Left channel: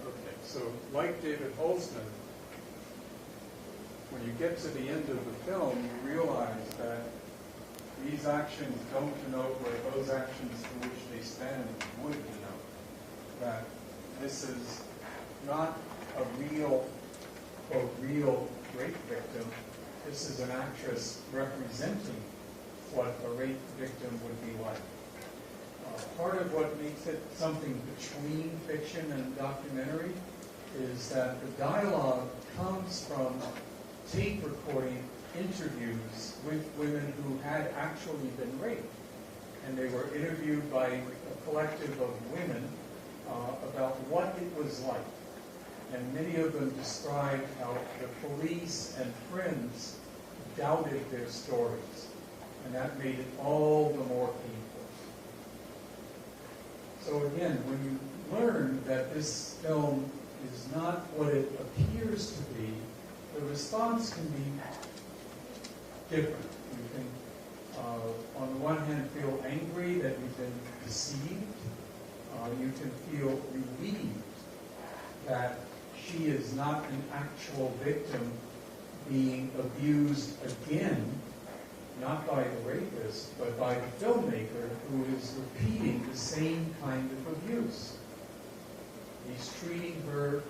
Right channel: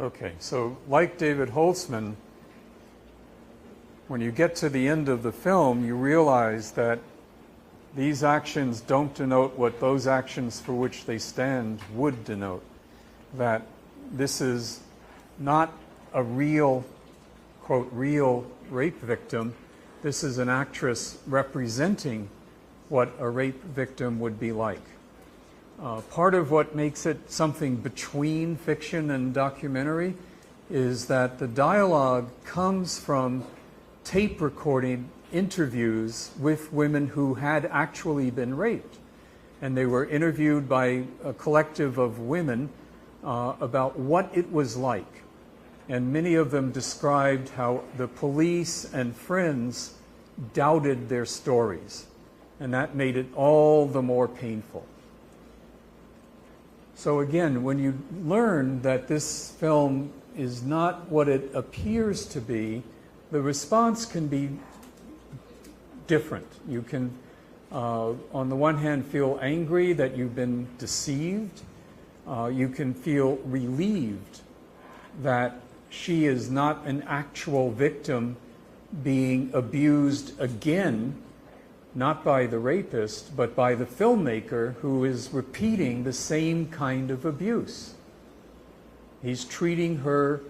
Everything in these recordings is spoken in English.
Okay, so like David Holtzman, when you get to the end of the film, you realize that these actions don't denote what those actions for which they stand would denote. That this is not a real, quote, real rape victim. This is an actress representing what a rape victim would be like. Part of what makes it something between fiction and documentary is that the dialogue comes from tape recording interviews with women who had actually been raped. And they were interviewed by a collective of women about what it was like. And many of them described how the police and friends doubted their stories. And that made it all the more painful. So again, when you learn that this film is not what it appears to be, the response can be different. You can, on the one hand, feel angry that you've been deceived. You can feel relieved that she is not an actual victim being abused again, not by the rapist, but by the filmmaker who is repeating the same kind of abuse. He's treating her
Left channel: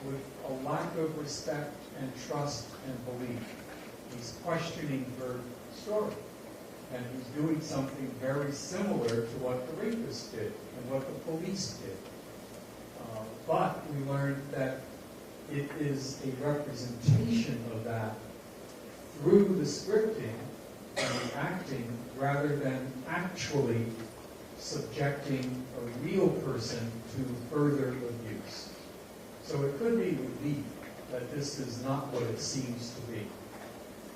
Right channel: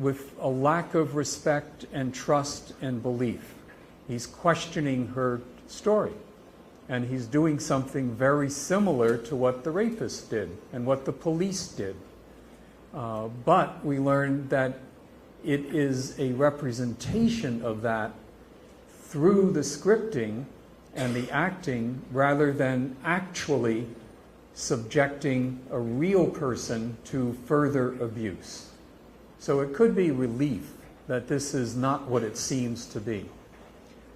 with a lack of respect and trust and belief. He's questioning her story. And he's doing something very similar to what the rapist did and what the police did. But we learned that it is a representation of that through the scripting and the acting rather than actually subjecting a real person to further abuse. So it could be relief that this is not what it seems to be.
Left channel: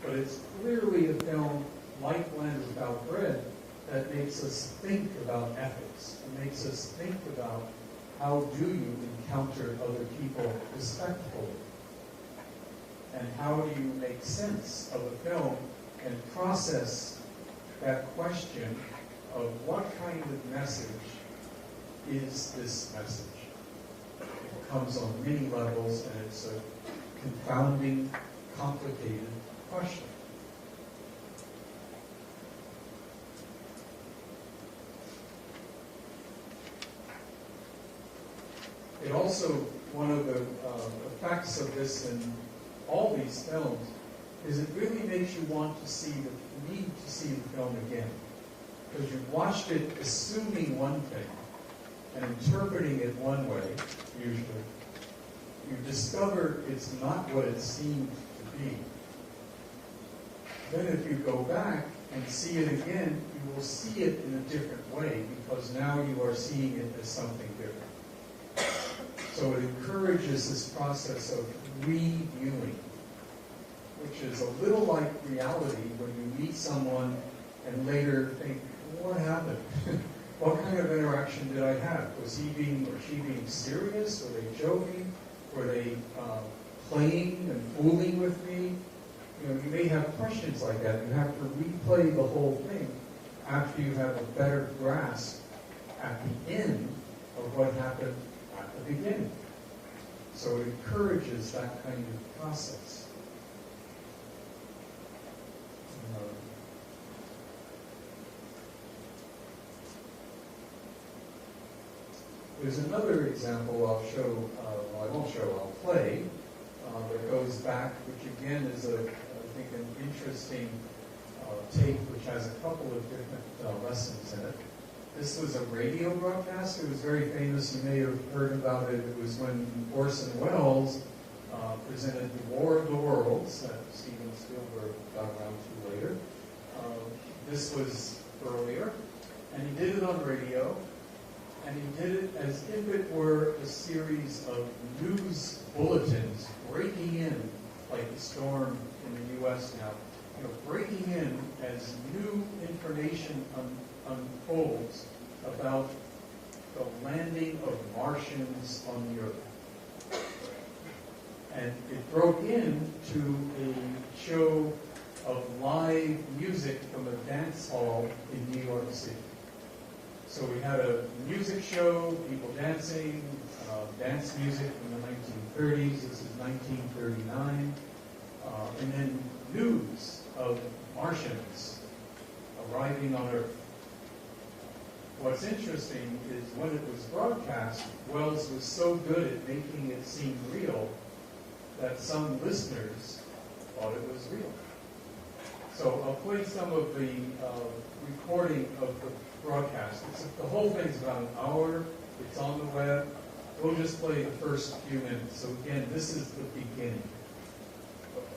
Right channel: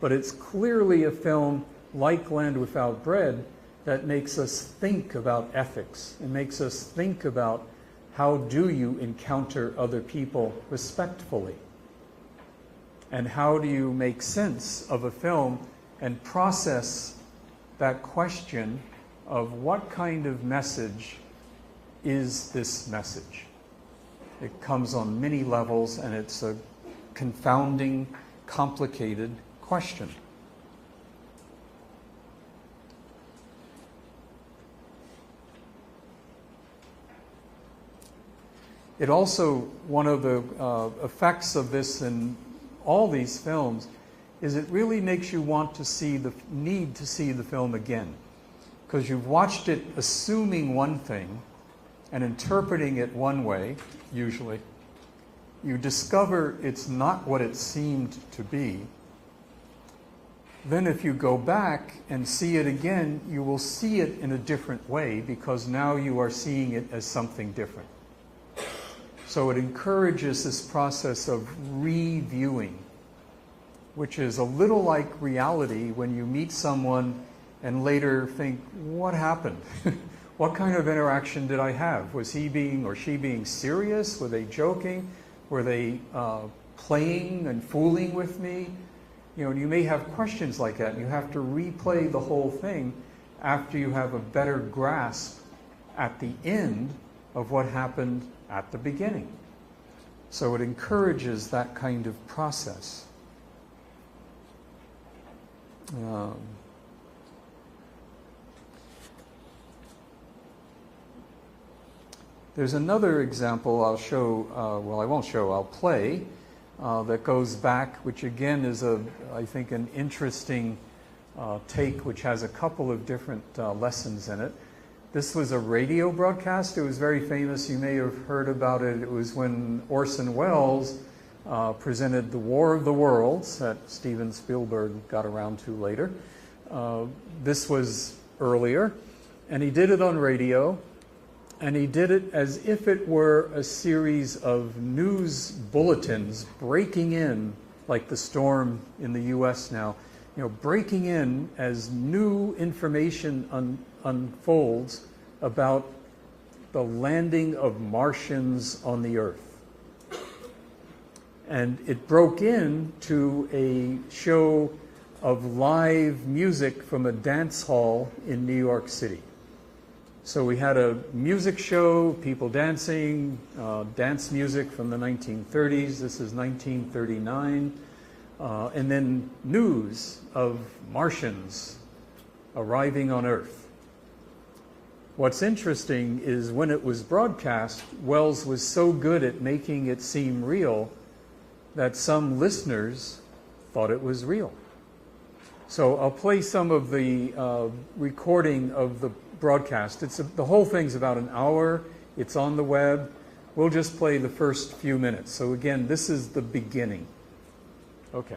But it's clearly a film like Land Without Bread that makes us think about ethics. It makes us think about how do you encounter other people respectfully? And how do you make sense of a film and process that question of what kind of message is this message? It comes on many levels, and it's a confounding, complicated question. It also, one of the effects of this in all these films is it really makes you want to see the need to see the film again. Because you've watched it assuming one thing and interpreting it one way, usually. You discover it's not what it seemed to be. Then if you go back and see it again, you will see it in a different way because now you are seeing it as something different. So it encourages this process of reviewing, which is a little like reality when you meet someone and later think, what happened? What kind of interaction did I have? Was he being or she being serious? Were they joking? Were they playing and fooling with me? You know, you may have questions like that. You have to replay the whole thing after you have a better grasp at the end of what happened at the beginning. So it encourages that kind of process. There's another example I'll show, well, I won't show, I'll play, that goes back, which again is, I think, an interesting take, which has a couple of different lessons in it. This was a radio broadcast. It was very famous. You may have heard about it. It was when Orson Welles presented The War of the Worlds that Steven Spielberg got around to later. This was earlier, and he did it on radio, and he did it as if it were a series of news bulletins breaking in, like the storm in the U.S. now, you know, breaking in as new information unfolds about the landing of Martians on the Earth. And it broke into a show of live music from a dance hall in New York City. So we had a music show, people dancing, dance music from the 1930s. This is 1939. And then news of Martians arriving on Earth. What's interesting is when it was broadcast, Wells was so good at making it seem real that some listeners thought it was real. So I'll play some of the recording of the broadcast. The whole thing's about an hour. It's on the web. We'll just play the first few minutes. So again, this is the beginning. Okay.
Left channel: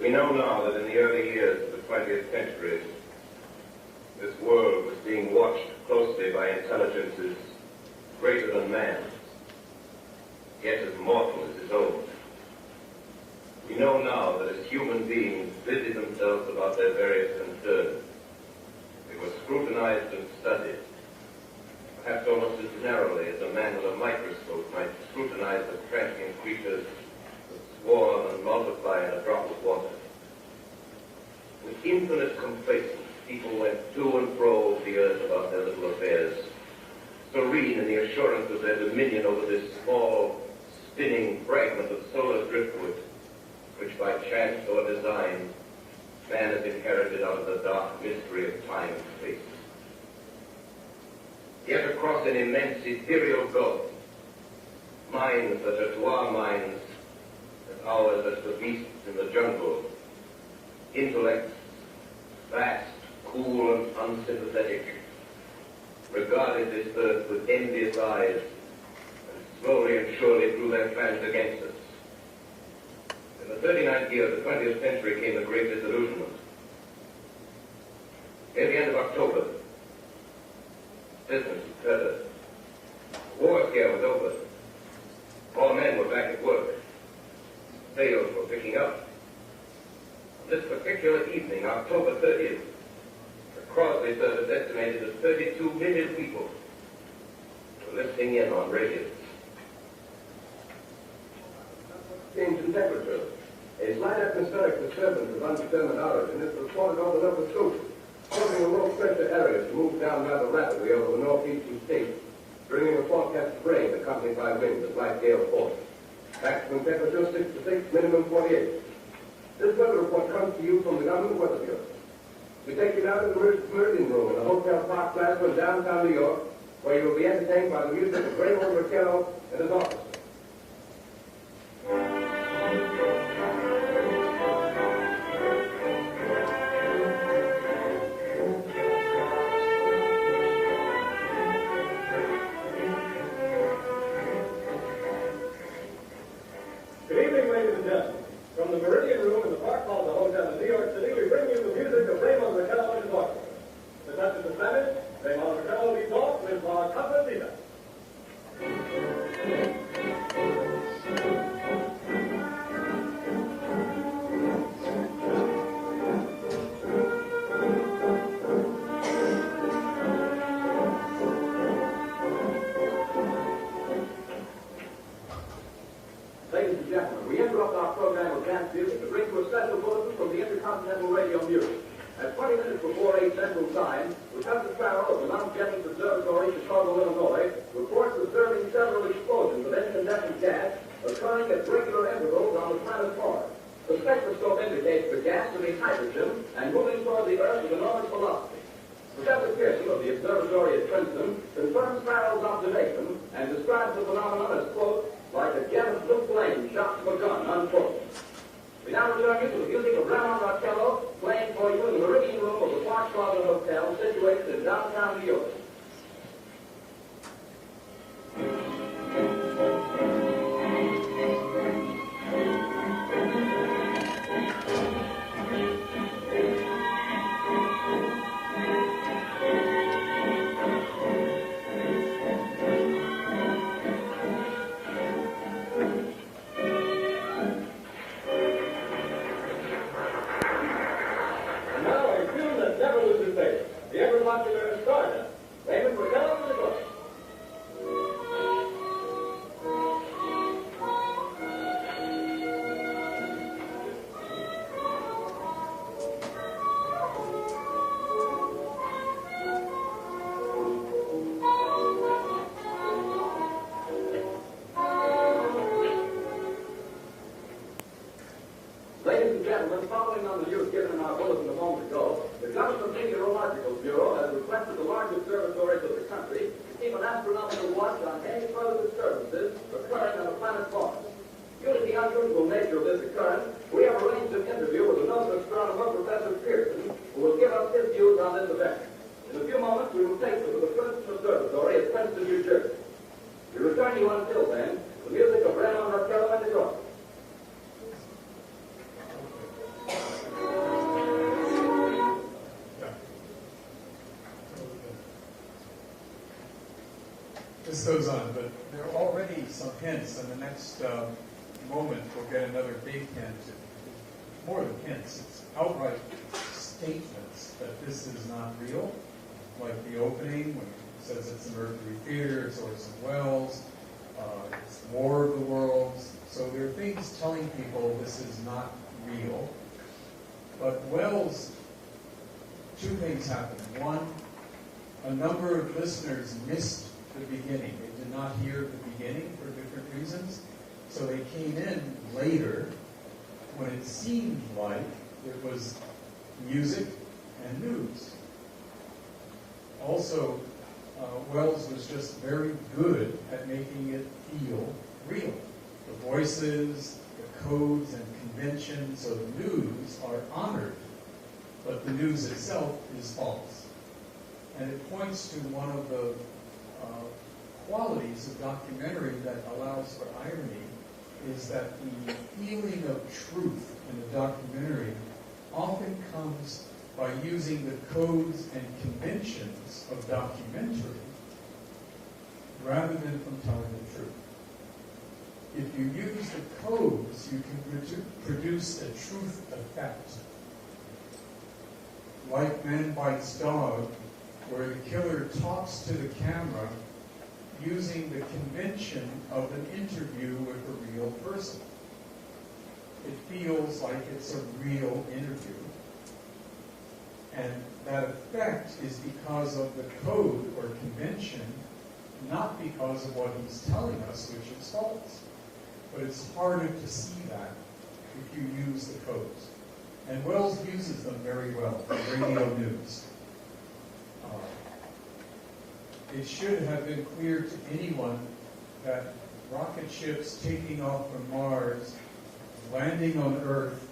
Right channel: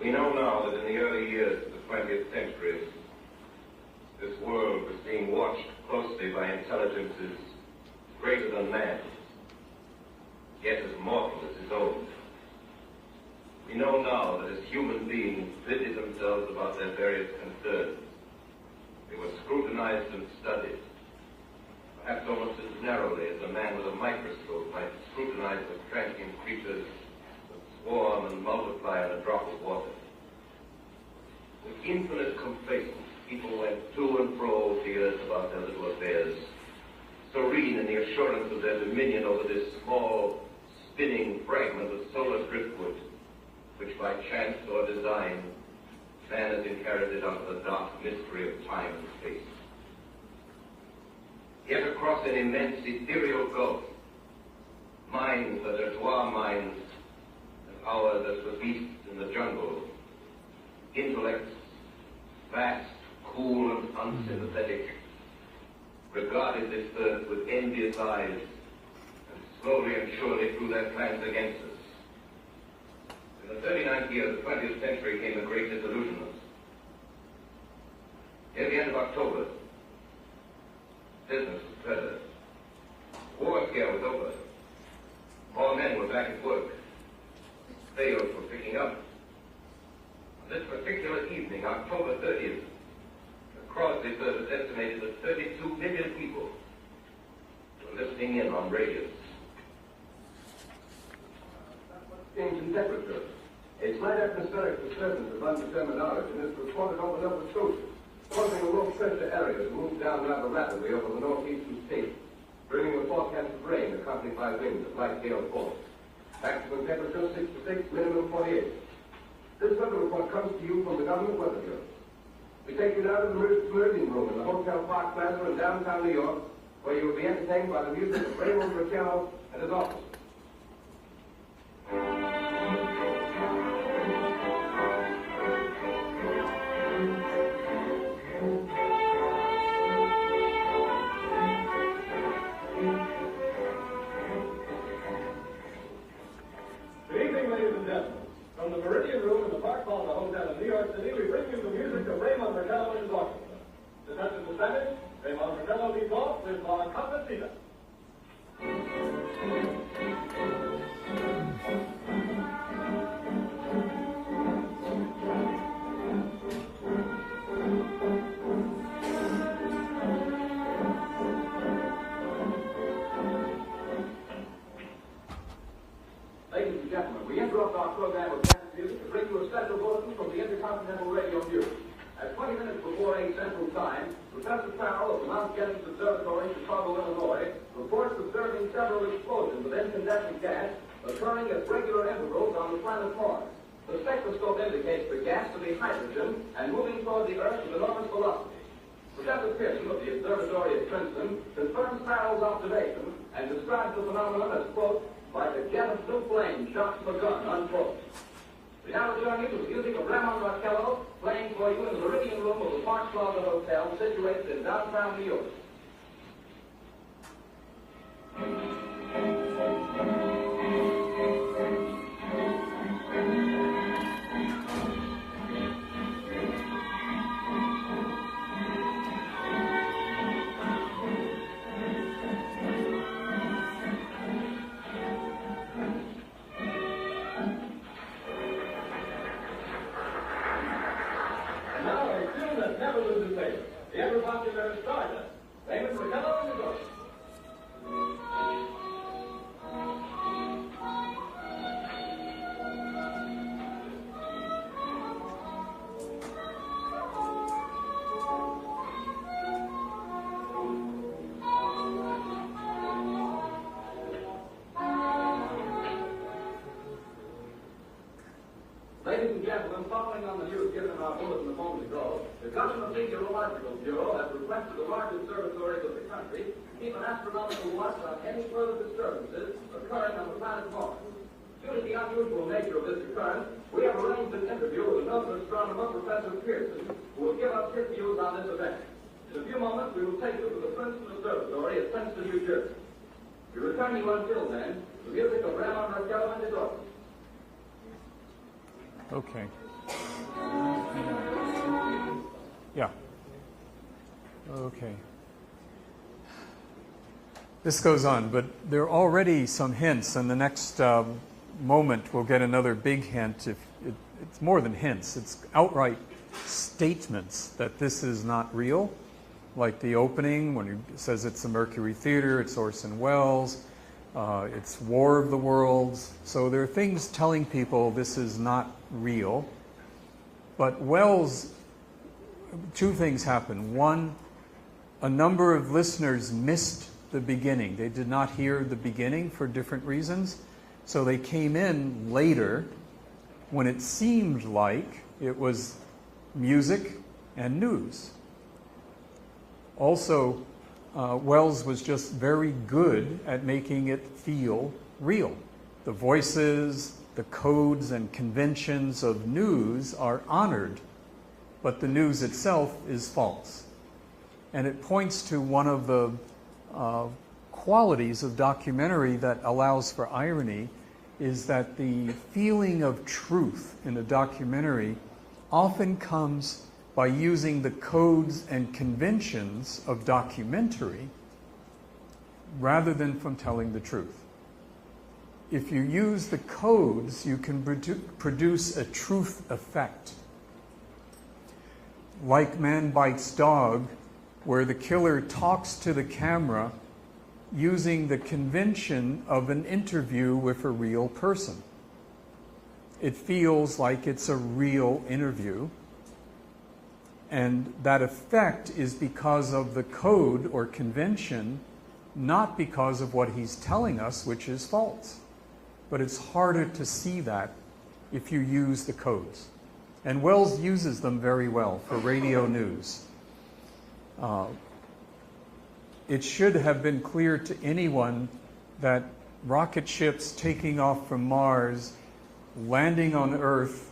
We know now that in the early years of the 20th century, this world was being watched closely by intelligences greater than man's, yet as mortal as his own. We know now that as human beings busied themselves about their various concerns, they were scrutinized and studied, perhaps almost as narrowly as a man with a microscope might scrutinize the transient creatures that swarm and multiply in a drop of water. With infinite complacence, people went to and fro the earth about their little affairs, serene in the assurance of their dominion over this small, spinning fragment of solar driftwood, which by chance or design, man has inherited out of the dark mystery of time and space. Yet across an immense ethereal gulf, minds that are to our minds as ours as the beasts in the jungle, intellects, vast, cool, and unsympathetic, regarded this earth with envious eyes, and slowly and surely drew their plans against us. In the 39th year of the 20th century came a great disillusionment. Near the end of October, business was better. War scare was over. All men were back at work. Sales were picking up. On this particular evening, October 30th, the Crosby service estimated that 32 million people were listening in on radios. Change in temperature. A slight atmospheric disturbance of undetermined origin is reported over Nova Scotia, causing a low-pressure area to move down rather rapidly over the northeastern states, bringing a forecast of rain accompanied by winds of light gale force. Maximum temperature 66, minimum 48. This weather report comes to you from the Government Weather Bureau. We take you now to the Meridian Room in the Hotel Park Plaza in downtown New York, where you will be entertained by the music of Raymond Raquel and his orchestra. Ladies and gentlemen, we interrupt our program of dance music to bring you a special bulletin from the Intercontinental Radio Bureau. At 20 minutes before 8 Central Time, Lieutenant Farrell of the Mount Jennings Observatory, Chicago, Illinois, reports observing several explosions of incandescent gas occurring at regular intervals on the planet Mars. The spectroscope indicates the gas to be hydrogen and moving toward the Earth with enormous velocity. Professor Pearson of the Observatory at Princeton confirms Farrell's observation and describes the phenomenon as, quote, like a jet of blue flame shot from a gun, unquote. We now return you to the music of Ramon Marcello playing for you in the Meridian Room of the Park Plaza Hotel situated in downtown New York. Following on the news given in our bulletin a moment ago, the Government Meteorological Bureau has requested the large observatories of the country to keep an astronomical watch on any further disturbances occurring on the planet Formas. Due to the unusual nature of this occurrence, we have arranged an interview with another astronomer, Professor Pearson, who will give us his views on this event. In a few moments, we will take you to the Princeton Observatory at Princeton, New Jersey. We return you until then the music of Ramon Marcello and his orchestra. Okay. Yeah. Okay. This goes on, but there are already some hints, and the next moment we'll get another big hint. It's more than hints, it's outright statements that this is not real, like the opening when he says it's the Mercury Theater, it's Orson Welles, it's War of the Worlds. So there are things telling people this is not real. But Welles, two things happened. One, a number of listeners missed the beginning. They did not hear the beginning for different reasons. So they came in later when it seemed like it was music and news. Also, Welles was just very good at making it feel real. The voices, the codes and conventions of news are honored, but the news itself is false. And it points to one of the qualities of documentary that allows for irony, is that the feeling of truth in a documentary often comes by using the codes and conventions of documentary rather than from telling the truth. If you use the codes, you can produce a truth effect. Like Man Bites Dog, where the killer talks to the camera using the convention of an interview with a real person. It feels like it's a real interview. And that effect is because of the code or convention, not because of what he's telling us, which is false. But it's harder to see that if you use the codes. And Welles uses them very well for radio news. It should have been clear to anyone that rocket ships taking off from Mars, landing on Earth,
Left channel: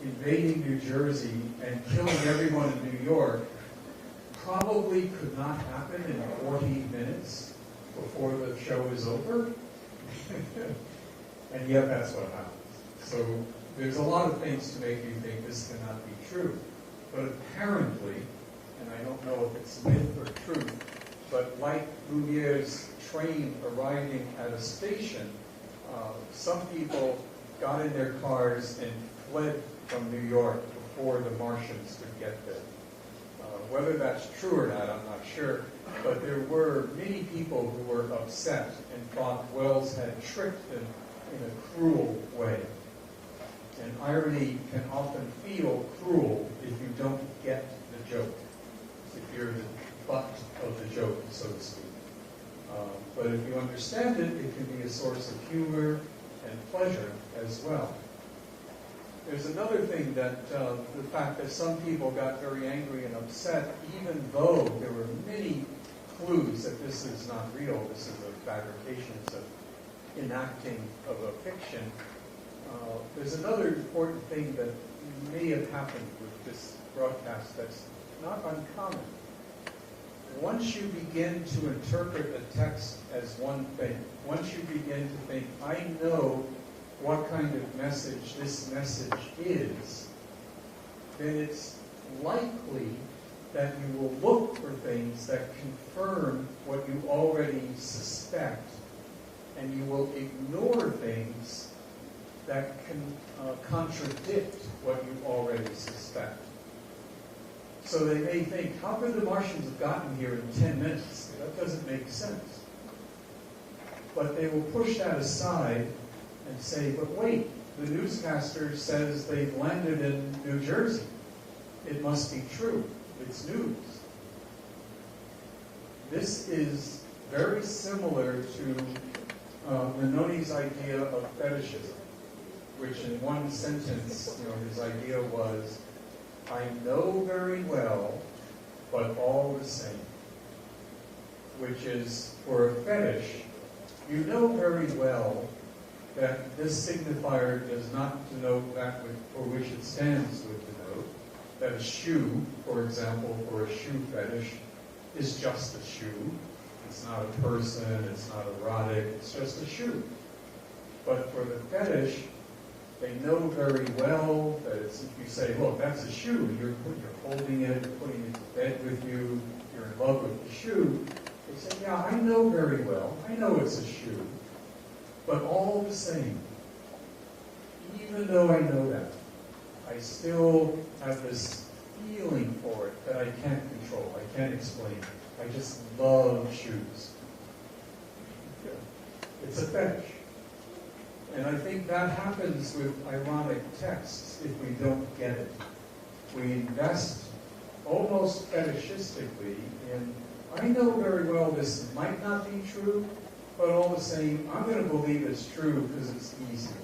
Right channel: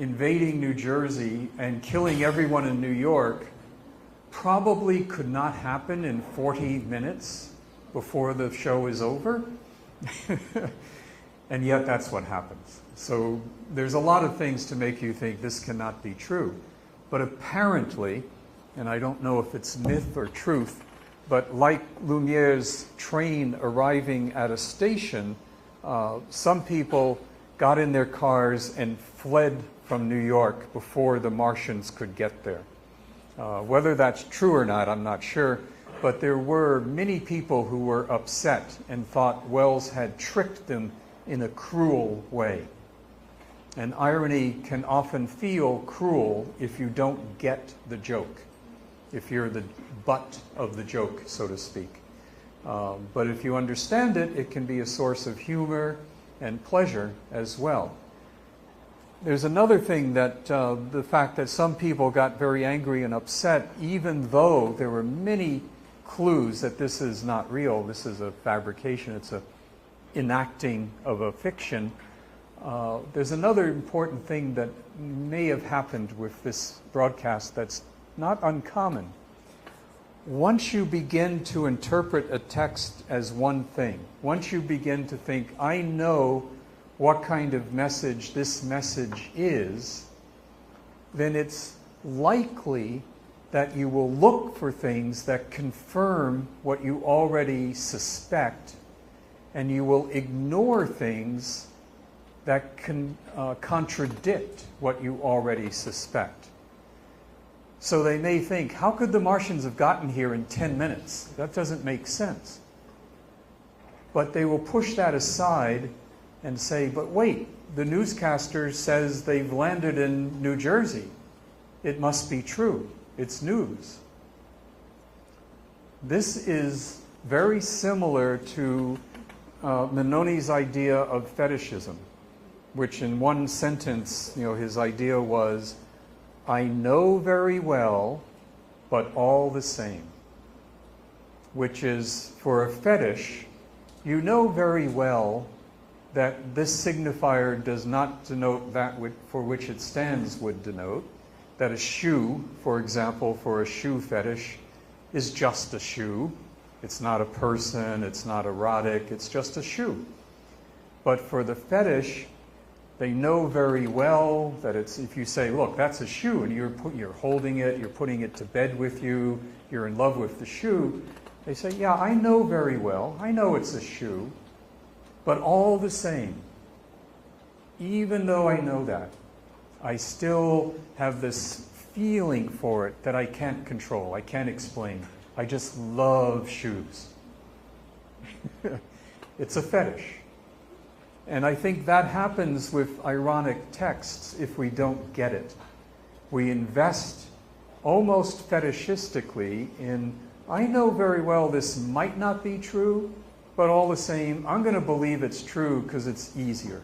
invading New Jersey, and killing everyone in New York probably could not happen in 40 minutes before the show is over. And yet that's what happens. So there's a lot of things to make you think this cannot be true. But apparently, and I don't know if it's myth or truth, but like Lumiere's train arriving at a station, some people got in their cars and fled from New York before the Martians could get there. Whether that's true or not, I'm not sure, but there were many people who were upset and thought Welles had tricked them in a cruel way. And irony can often feel cruel if you don't get the joke, if you're the butt of the joke, so to speak. But if you understand it, it can be a source of humor and pleasure as well. There's another thing that the fact that some people got very angry and upset, even though there were many clues that this is not real, this is a fabrication, it's a enacting of a fiction. There's another important thing that may have happened with this broadcast that's not uncommon. Once you begin to interpret a text as one thing, once you begin to think, I know what kind of message this message is, then it's likely that you will look for things that confirm what you already suspect, and you will ignore things that can contradict what you already suspect. So they may think, how could the Martians have gotten here in 10 minutes? That doesn't make sense. But they will push that aside and say, but wait, the newscaster says they've landed in New Jersey. It must be true. It's news. This is very similar to Menoni's idea of fetishism, which in one sentence, his idea was, I know very well, but all the same. Which is, for a fetish, you know very well that this signifier does not denote that for which it stands would denote. That a shoe, for example, for a shoe fetish, is just a shoe. It's not a person, it's not erotic, it's just a shoe. But for the fetish, they know very well that it's, if you say, look, that's a shoe, and you're holding it, you're putting it to bed with you, you're in love with the shoe, they say, yeah, I know very well, I know it's a shoe, but all the same, even though I know that, I still have this feeling for it that I can't control, I can't explain. I just love shoes. It's a fetish. And I think that happens with ironic texts if we don't get it. We invest almost fetishistically in, I know very well this might not be true, but all the same, I'm going to believe it's true because it's easier.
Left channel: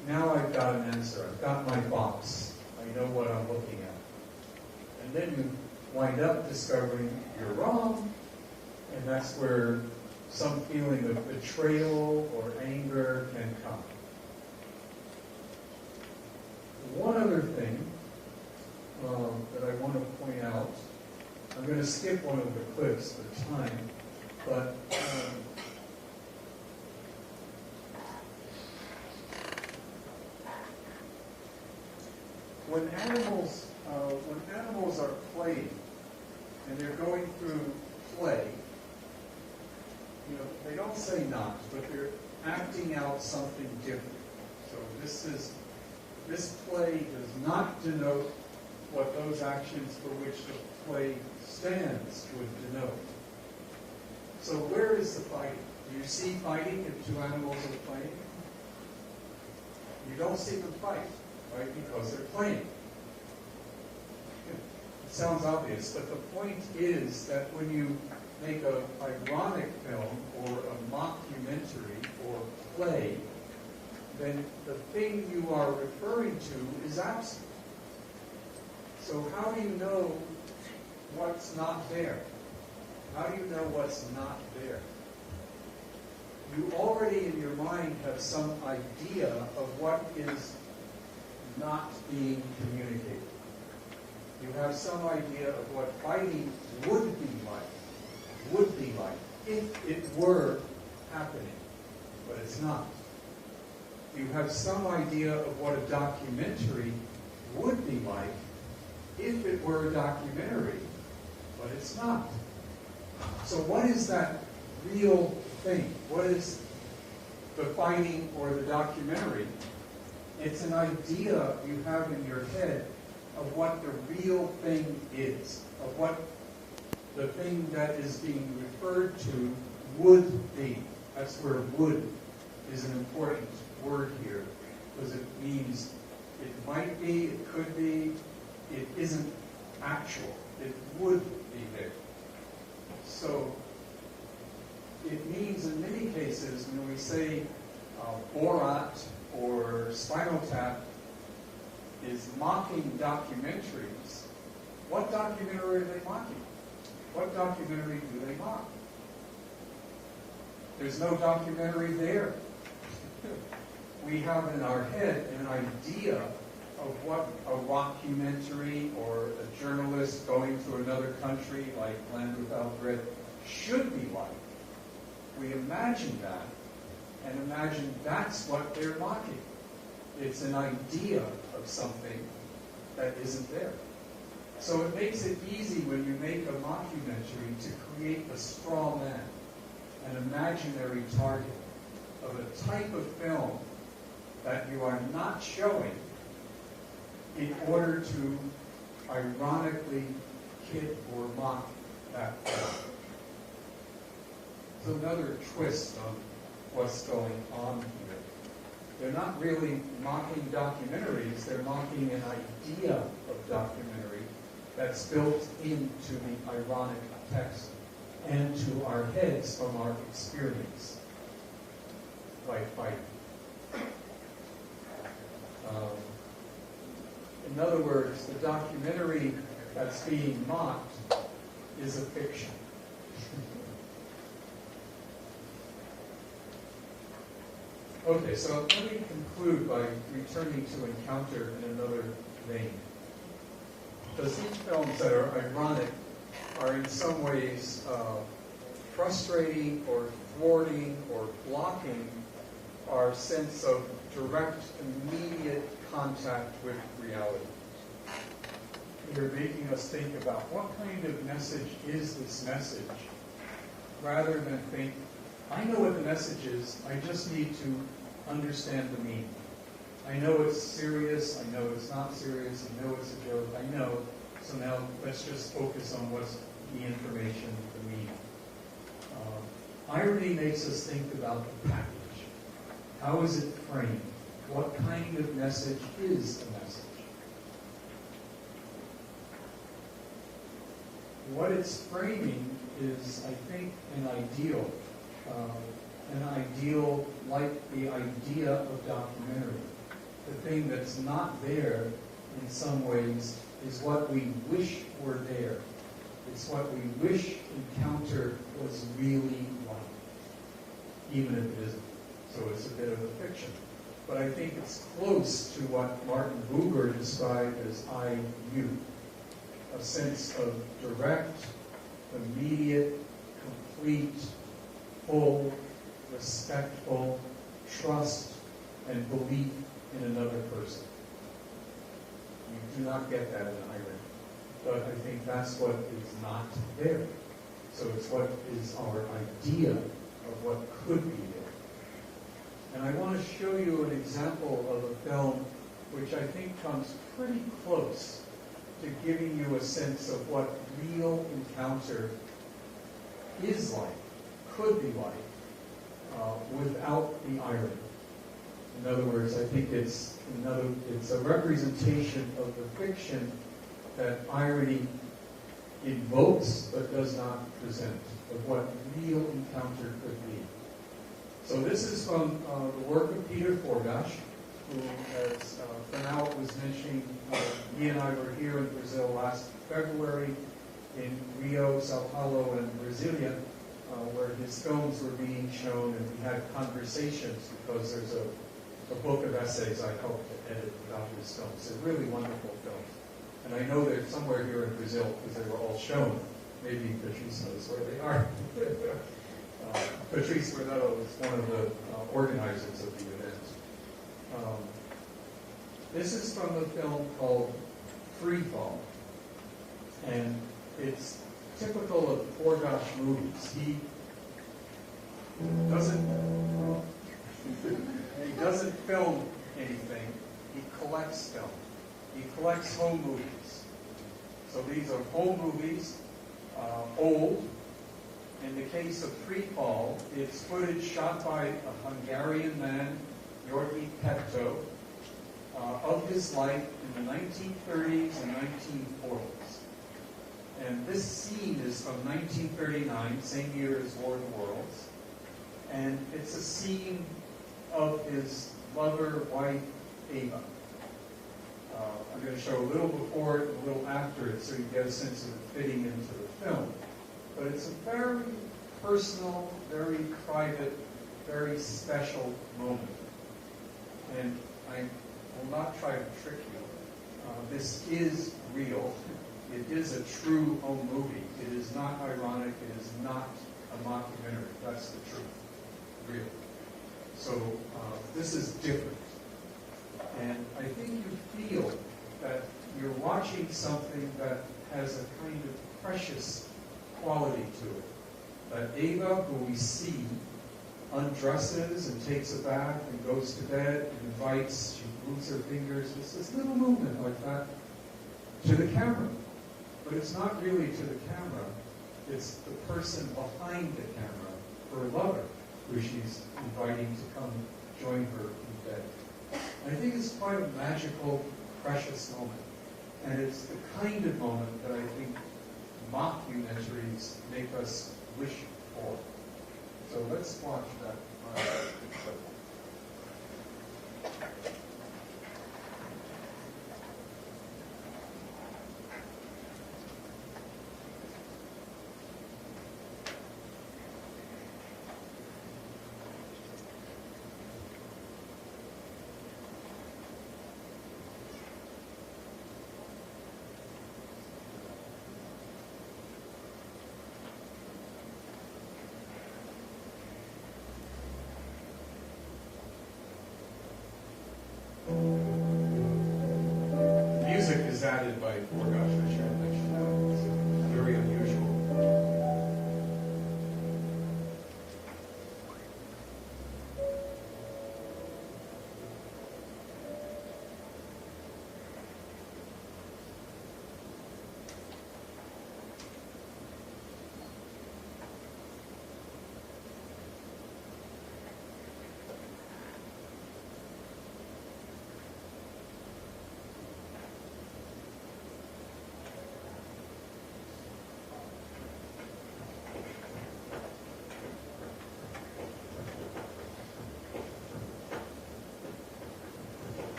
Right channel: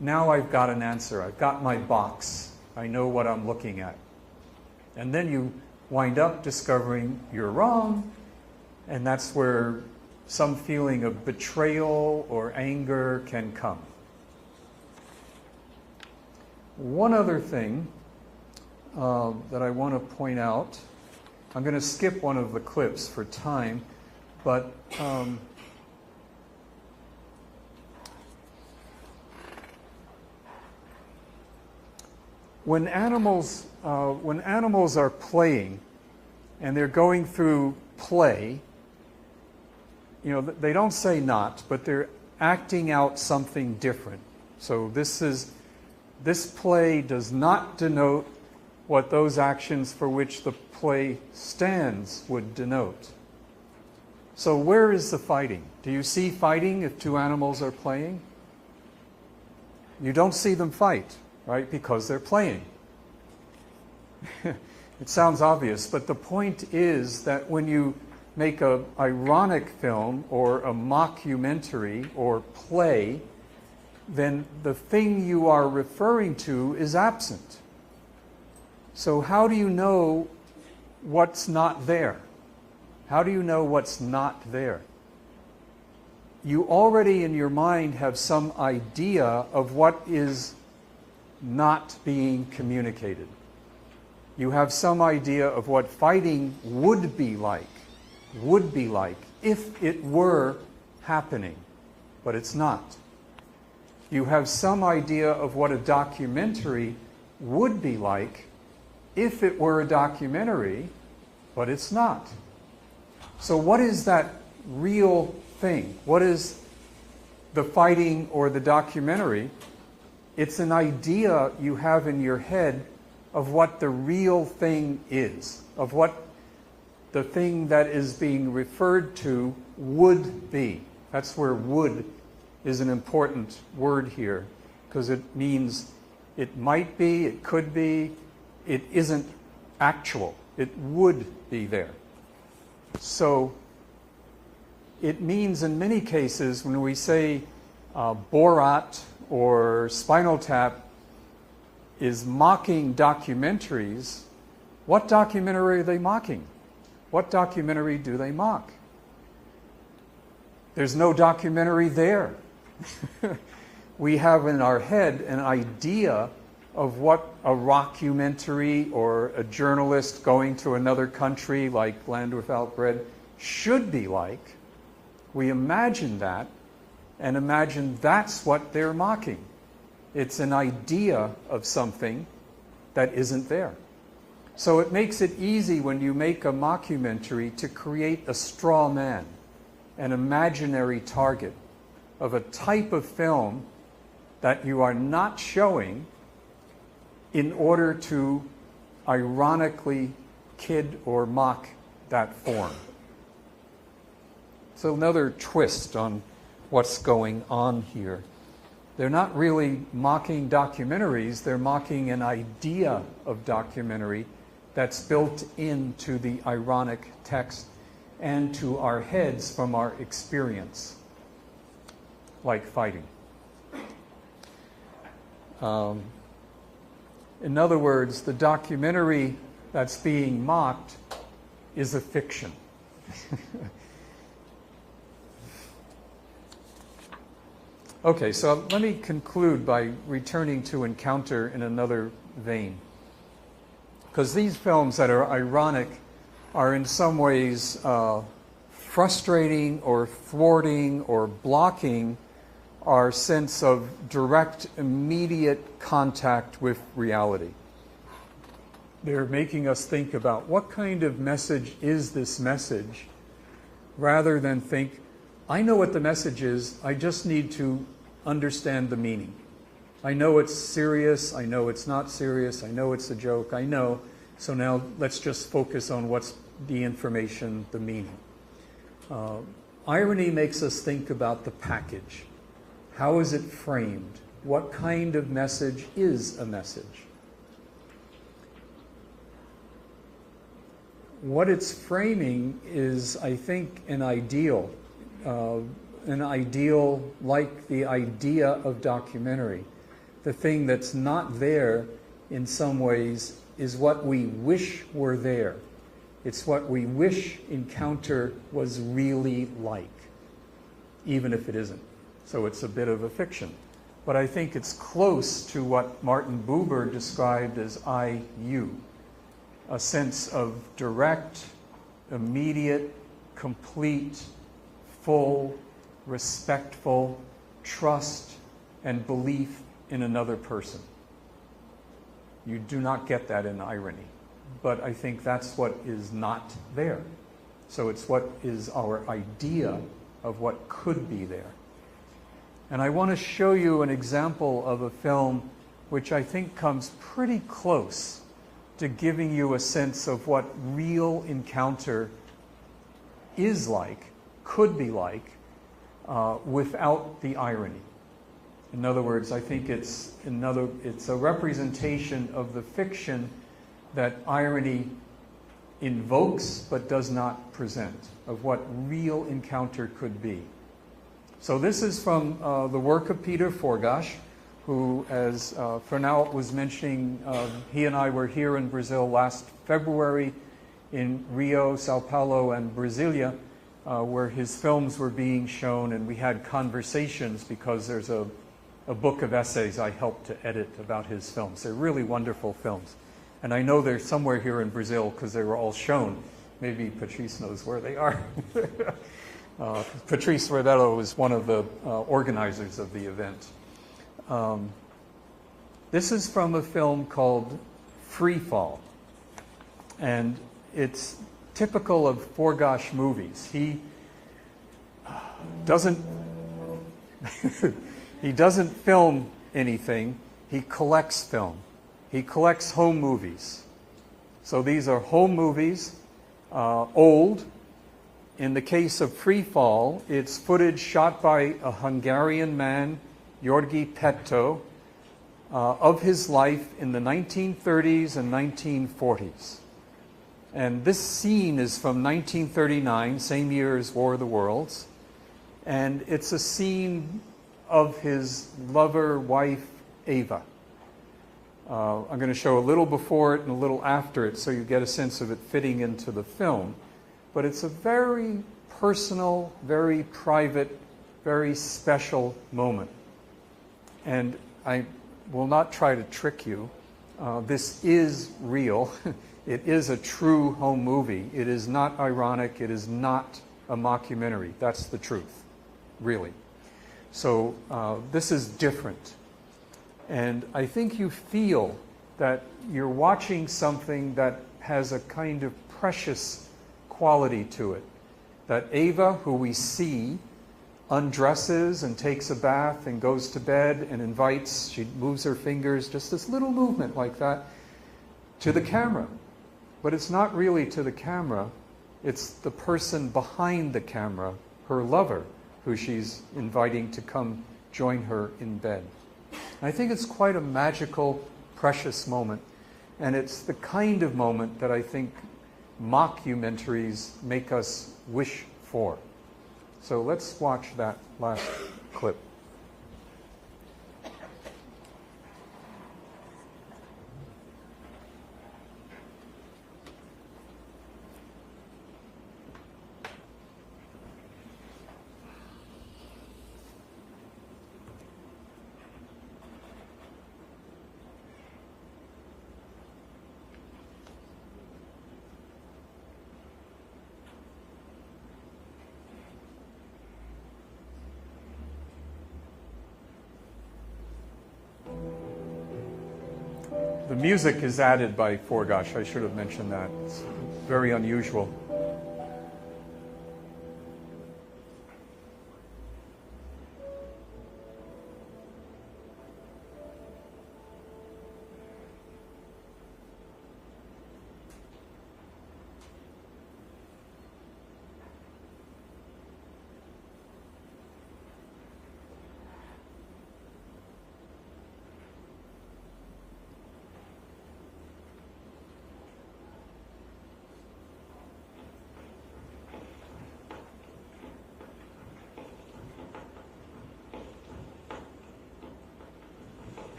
Now I've got an answer. I've got my box. I know what I'm looking at. And then you wind up discovering you're wrong, and that's where some feeling of betrayal or anger can come. One other thing that I want to point out, I'm going to skip one of the clips for time, but when animals are playing and they're going through play, they don't say not, but they're acting out something different. So this play does not denote what those actions for which the play stands would denote. So where is the fighting? Do you see fighting if two animals are playing? You don't see them fight, right? Because they're playing. It sounds obvious, but the point is that when you make an ironic film or a mockumentary or play, then the thing you are referring to is absent. So how do you know what's not there? How do you know what's not there? You already in your mind have some idea of what is not being communicated. You have some idea of what fighting would be like if it were happening, but it's not. You have some idea of what a documentary would be like if it were a documentary, but it's not. So what is that real thing? What is the fighting or the documentary? It's an idea you have in your head of what the real thing is, of what the thing that is being referred to would be. That's where would is an important word here, because it means it might be, it could be, it isn't actual. It would be there. So it means in many cases when we say Borat or Spinal Tap, is mocking documentaries, what documentary are they mocking? What documentary do they mock? There's no documentary there. We have in our head an idea of what a rockumentary or a journalist going to another country like Land Without Bread should be like. We imagine that and imagine that's what they're mocking. It's an idea of something that isn't there. So it makes it easy when you make a mockumentary to create a straw man, an imaginary target of a type of film that you are not showing in order to ironically kid or mock that form. So another twist on what's going on here. They're not really mocking documentaries, they're mocking an idea of documentary that's built into the ironic text and to our heads from our experience, like fighting. In other words, the documentary that's being mocked is a fiction. Okay, so let me conclude by returning to Encounter in another vein. Because these films that are ironic are in some ways frustrating or thwarting or blocking our sense of direct, immediate contact with reality. They're making us think about what kind of message is this message, rather than think, I know what the message is, I just need to understand the meaning. I know it's serious, I know it's not serious, I know it's a joke, I know, so now let's just focus on what's the information, the meaning. Irony makes us think about the package. How is it framed? What kind of message is a message? What it's framing is, I think, an ideal like the idea of documentary. The thing that's not there, in some ways, is what we wish were there. It's what we wish Encounter was really like, even if it isn't. So it's a bit of a fiction. But I think it's close to what Martin Buber described as I-U, a sense of direct, immediate, complete, full, respectful trust and belief in another person. You do not get that in irony. But I think that's what is not there. So it's what is our idea of what could be there. And I want to show you an example of a film which I think comes pretty close to giving you a sense of what real encounter is like, could be like, without the irony. In other words, I think it's a representation of the fiction that irony invokes but does not present, of what real encounter could be. So this is from the work of Peter Forgas, who, as Fernão was mentioning, he and I were here in Brazil last February, in Rio, Sao Paulo, and Brasilia, where his films were being shown, and we had conversations because there's a book of essays I helped to edit about his films. They're really wonderful films. And I know they're somewhere here in Brazil because they were all shown. Maybe Patrice knows where they are. Patrice Rebelo was one of the organizers of the event. This is from a film called Free Fall. And it's typical of Forgas movies. He doesn't he doesn't film anything. He collects film. He collects home movies. So these are home movies, old. In the case of Free Fall, it's footage shot by a Hungarian man, Jorgi Petto, of his life in the 1930s and 1940s. And this scene is from 1939, same year as War of the Worlds. And it's a scene of his lover, wife, Eva. I'm going to show a little before it and a little after it so you get a sense of it fitting into the film. But it's a very personal, very private, very special moment. And I will not try to trick you. This is real. It is a true home movie. It is not ironic. It is not a mockumentary. That's the truth, really. So this is different. And I think you feel that you're watching something that has a kind of precious quality to it. That Ava, who we see, undresses and takes a bath and goes to bed and invites, she moves her fingers, just this little movement like that, to the camera. But it's not really to the camera. It's the person behind the camera, her lover, who she's inviting to come join her in bed. I think it's quite a magical, precious moment. And it's the kind of moment that I think mockumentaries make us wish for. So let's watch that last clip. The music is added by Forgas. I should have mentioned that. It's very unusual.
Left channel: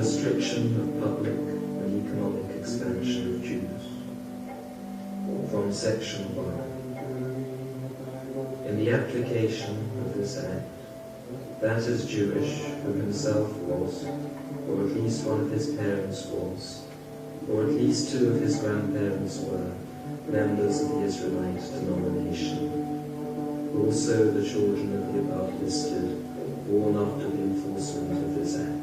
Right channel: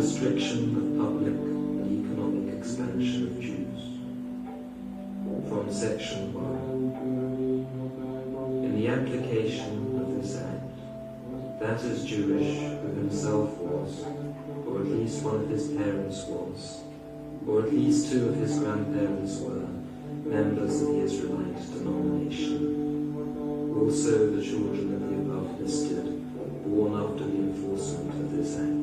Restriction of public and economic expansion of Jews. From section 1. In the application of this act, that is Jewish who himself was, or at least one of his parents was, or at least two of his grandparents were, members of the Israelite denomination. Also the children of the above listed, born after the enforcement of this act.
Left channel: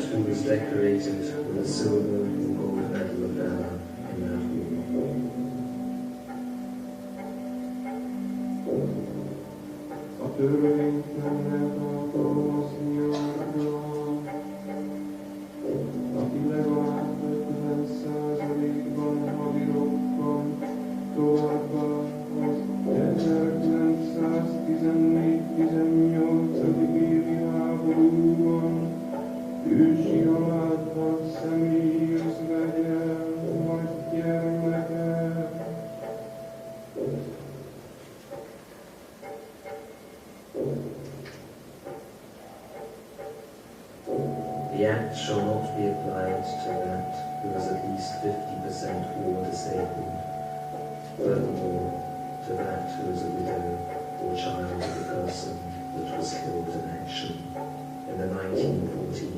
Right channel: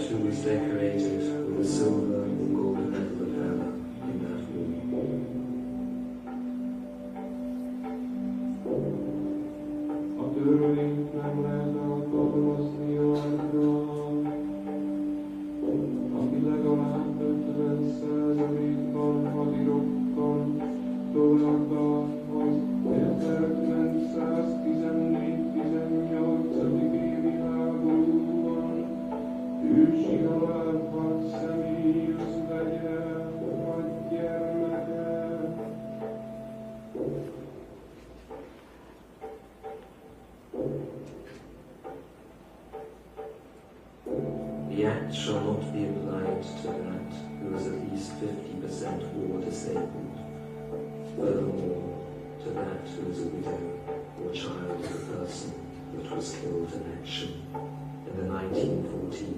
Who was decorated with a silver or gold medal of valor in that war. The act shall not be applied to that who is at least 50% war disabled. Furthermore, to that who is a widow or child of the person that was killed in action in the 1914-18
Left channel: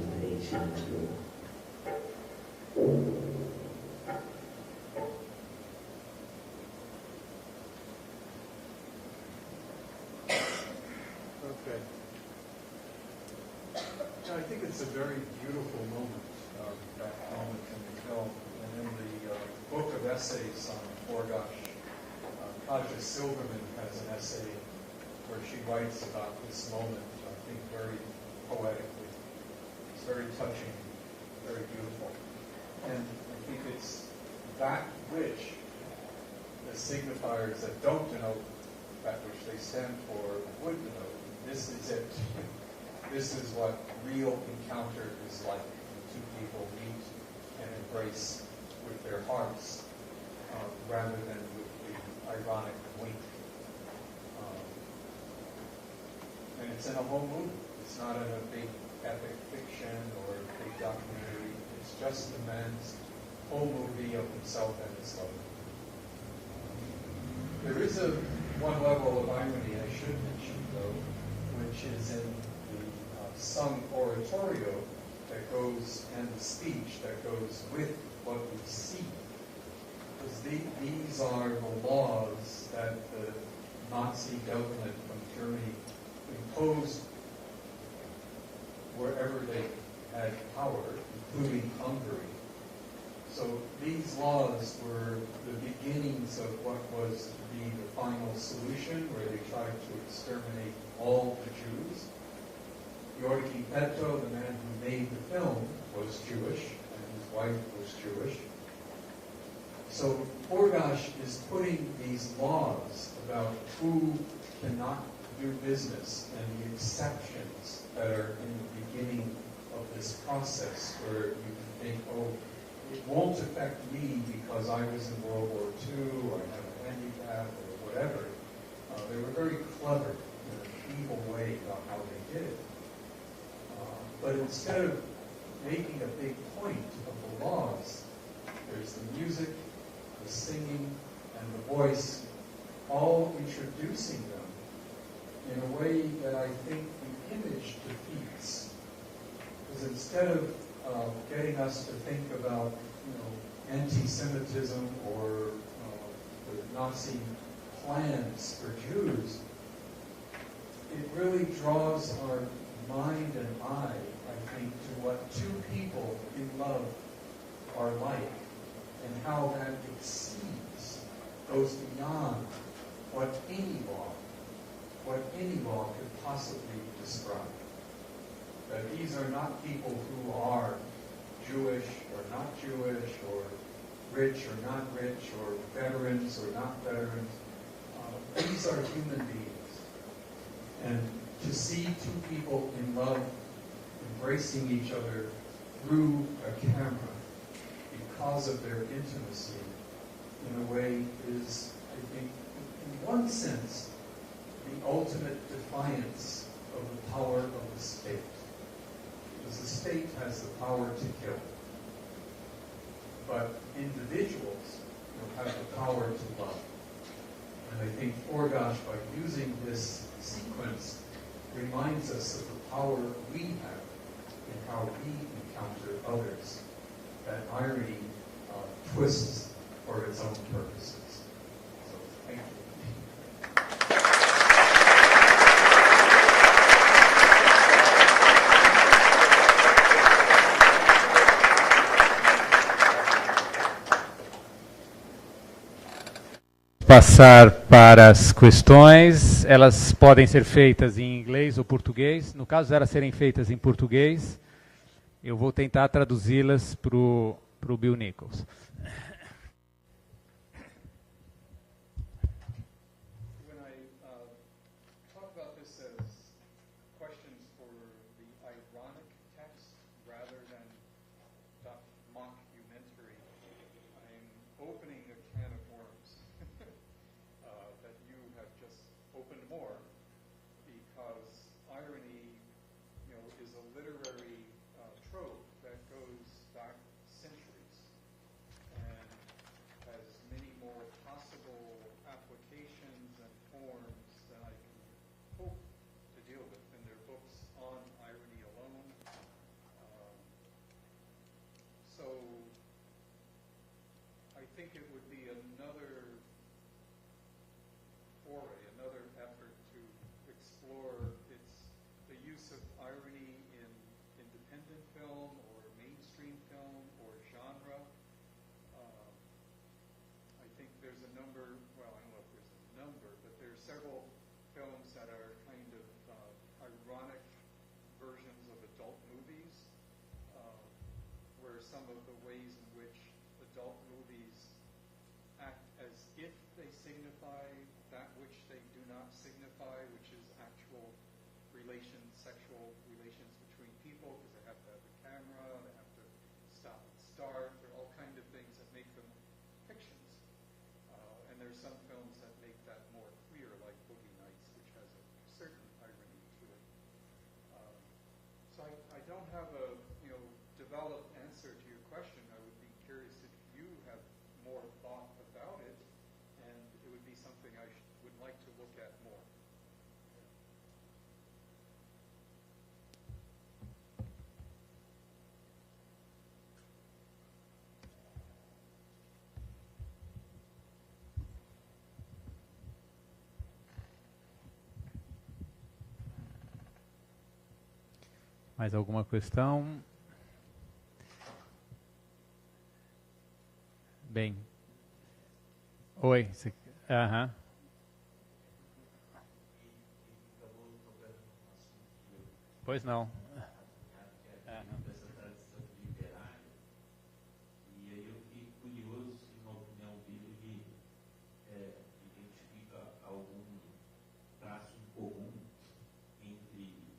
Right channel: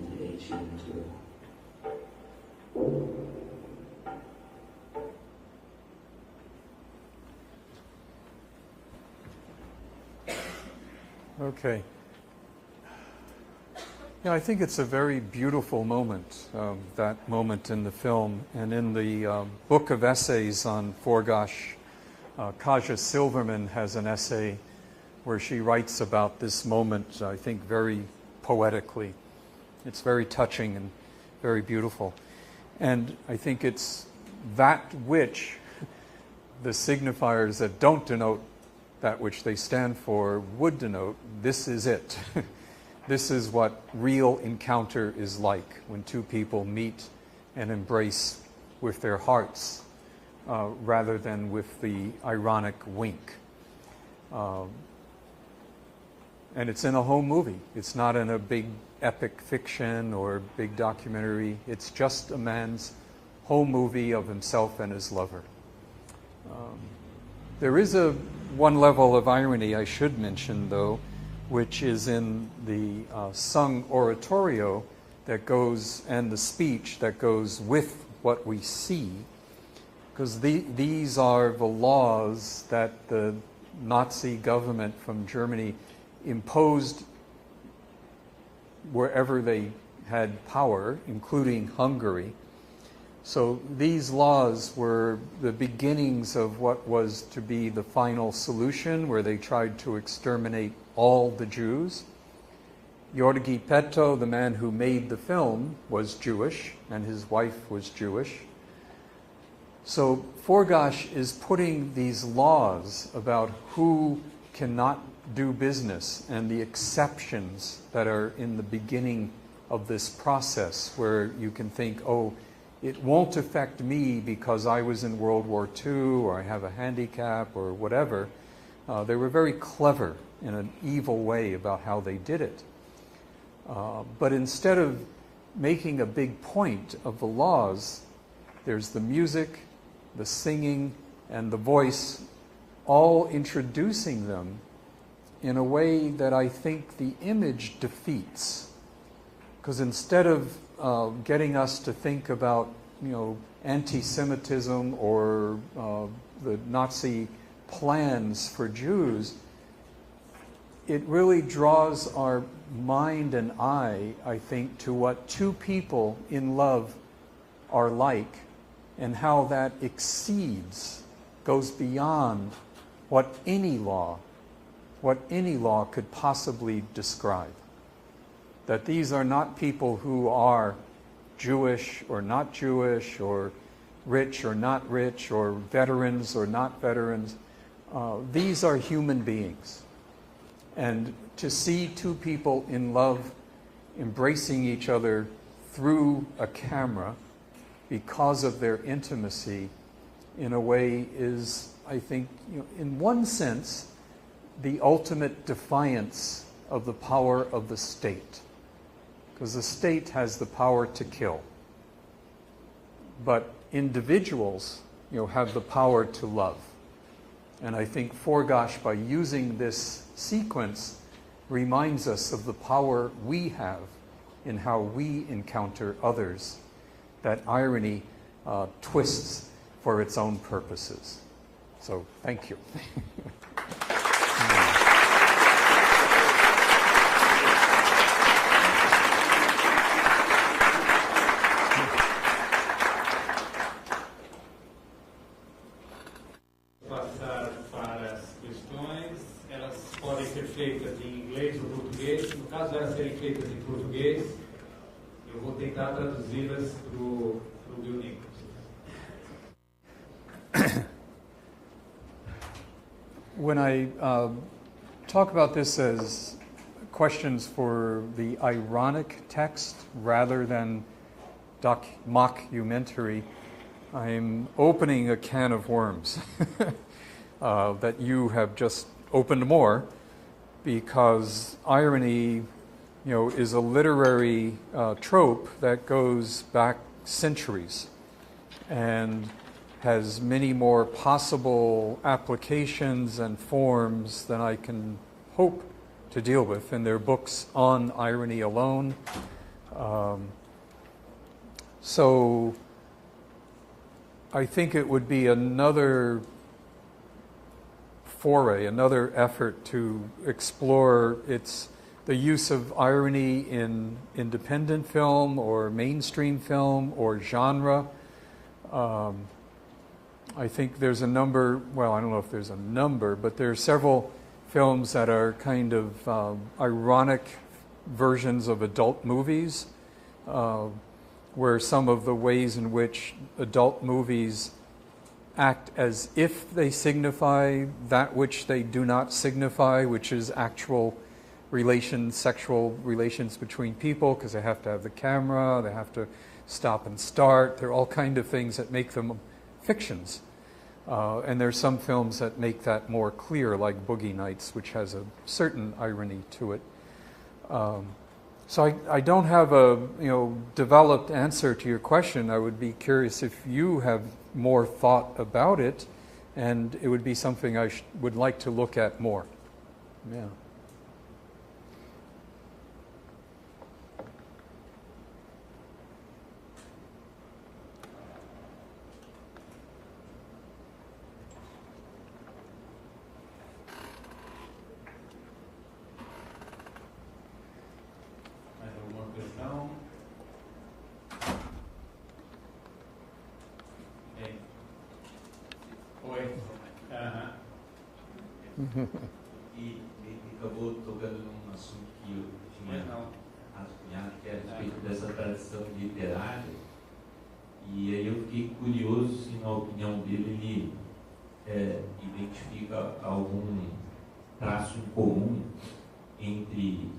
war. Okay. Yeah, I think it's a very beautiful moment, that moment in the film. And in the book of essays on Forgas, Kaja Silverman has an essay where she writes about this moment, I think, very poetically. It's very touching and very beautiful. And I think it's that which the signifiers that don't denote that which they stand for would denote. This is it. This is what real encounter is like, when two people meet and embrace with their hearts rather than with the ironic wink. And it's in a whole movie. It's not in a big epic fiction or big documentary. It's just a man's whole movie of himself and his lover. There is one level of irony I should mention, though, which is in the sung oratorio that goes, and the speech that goes with what we see, because these are the laws that the Nazi government from Germany imposed wherever they had power, including Hungary. So these laws were the beginnings of what was to be the final solution, where they tried to exterminate all the Jews. Jorgi Petto, the man who made the film, was Jewish, and his wife was Jewish. So Forgas is putting these laws about who cannot do business and the exceptions that are in the beginning of this process, where you can think, oh, it won't affect me because I was in World War II or I have a handicap or whatever. They were very clever in an evil way about how they did it. But instead of making a big point of the laws, there's the music, the singing, and the voice, all introducing them in a way that I think the image defeats. Because instead of getting us to think about, anti-Semitism or the Nazi plans for Jews, it really draws our mind and eye, I think, to what two people in love are like, and how that goes beyond what any law could possibly describe. That these are not people who are Jewish or not Jewish, or rich or not rich, or veterans or not veterans. These are human beings. And to see two people in love embracing each other through a camera because of their intimacy, in a way, is, I think, in one sense, the ultimate defiance of the power of the state. Because the state has the power to kill. But individuals, have the power to love. And I think Forgas, by using this sequence, reminds us of the power we have in how we encounter others. That irony twists for its own purposes. So, thank you. Passar para as questões. Elas podem ser feitas em inglês ou português. No caso de elas serem feitas em português, eu vou tentar traduzi-las para o Bill Nichols. When I talk about this as questions for the ironic text rather than mockumentary, I'm opening a can of worms that you have just opened more, because irony is a literary trope that goes back centuries and has many more possible applications and forms than I can hope to deal with. And there are books on irony alone. So I think it would be another foray, another effort to explore the use of irony in independent film or mainstream film or genre. I think there's a number, well, I don't know if there's a number, but there are several films that are kind of ironic versions of adult movies, where some of the ways in which adult movies act as if they signify that which they do not signify, which is actual relations, sexual relations between people, because they have to have the camera, they have to stop and start. There are all kinds of things that make them fictions. And there's some films that make that more clear, like Boogie Nights, which has a certain irony to it. So I don't have a developed answer to your question. I would be curious if you have more thought about it, and it would be something I would like to look at more. Yeah. Mais alguma questão? Bem. Oi. Aham. E acabou tocando num assunto que eu tinha Pois não. rascunhado, que é a respeito dessa tradição literária. E aí eu fiquei curioso se, na opinião dele, ele identifica algum traço em comum entre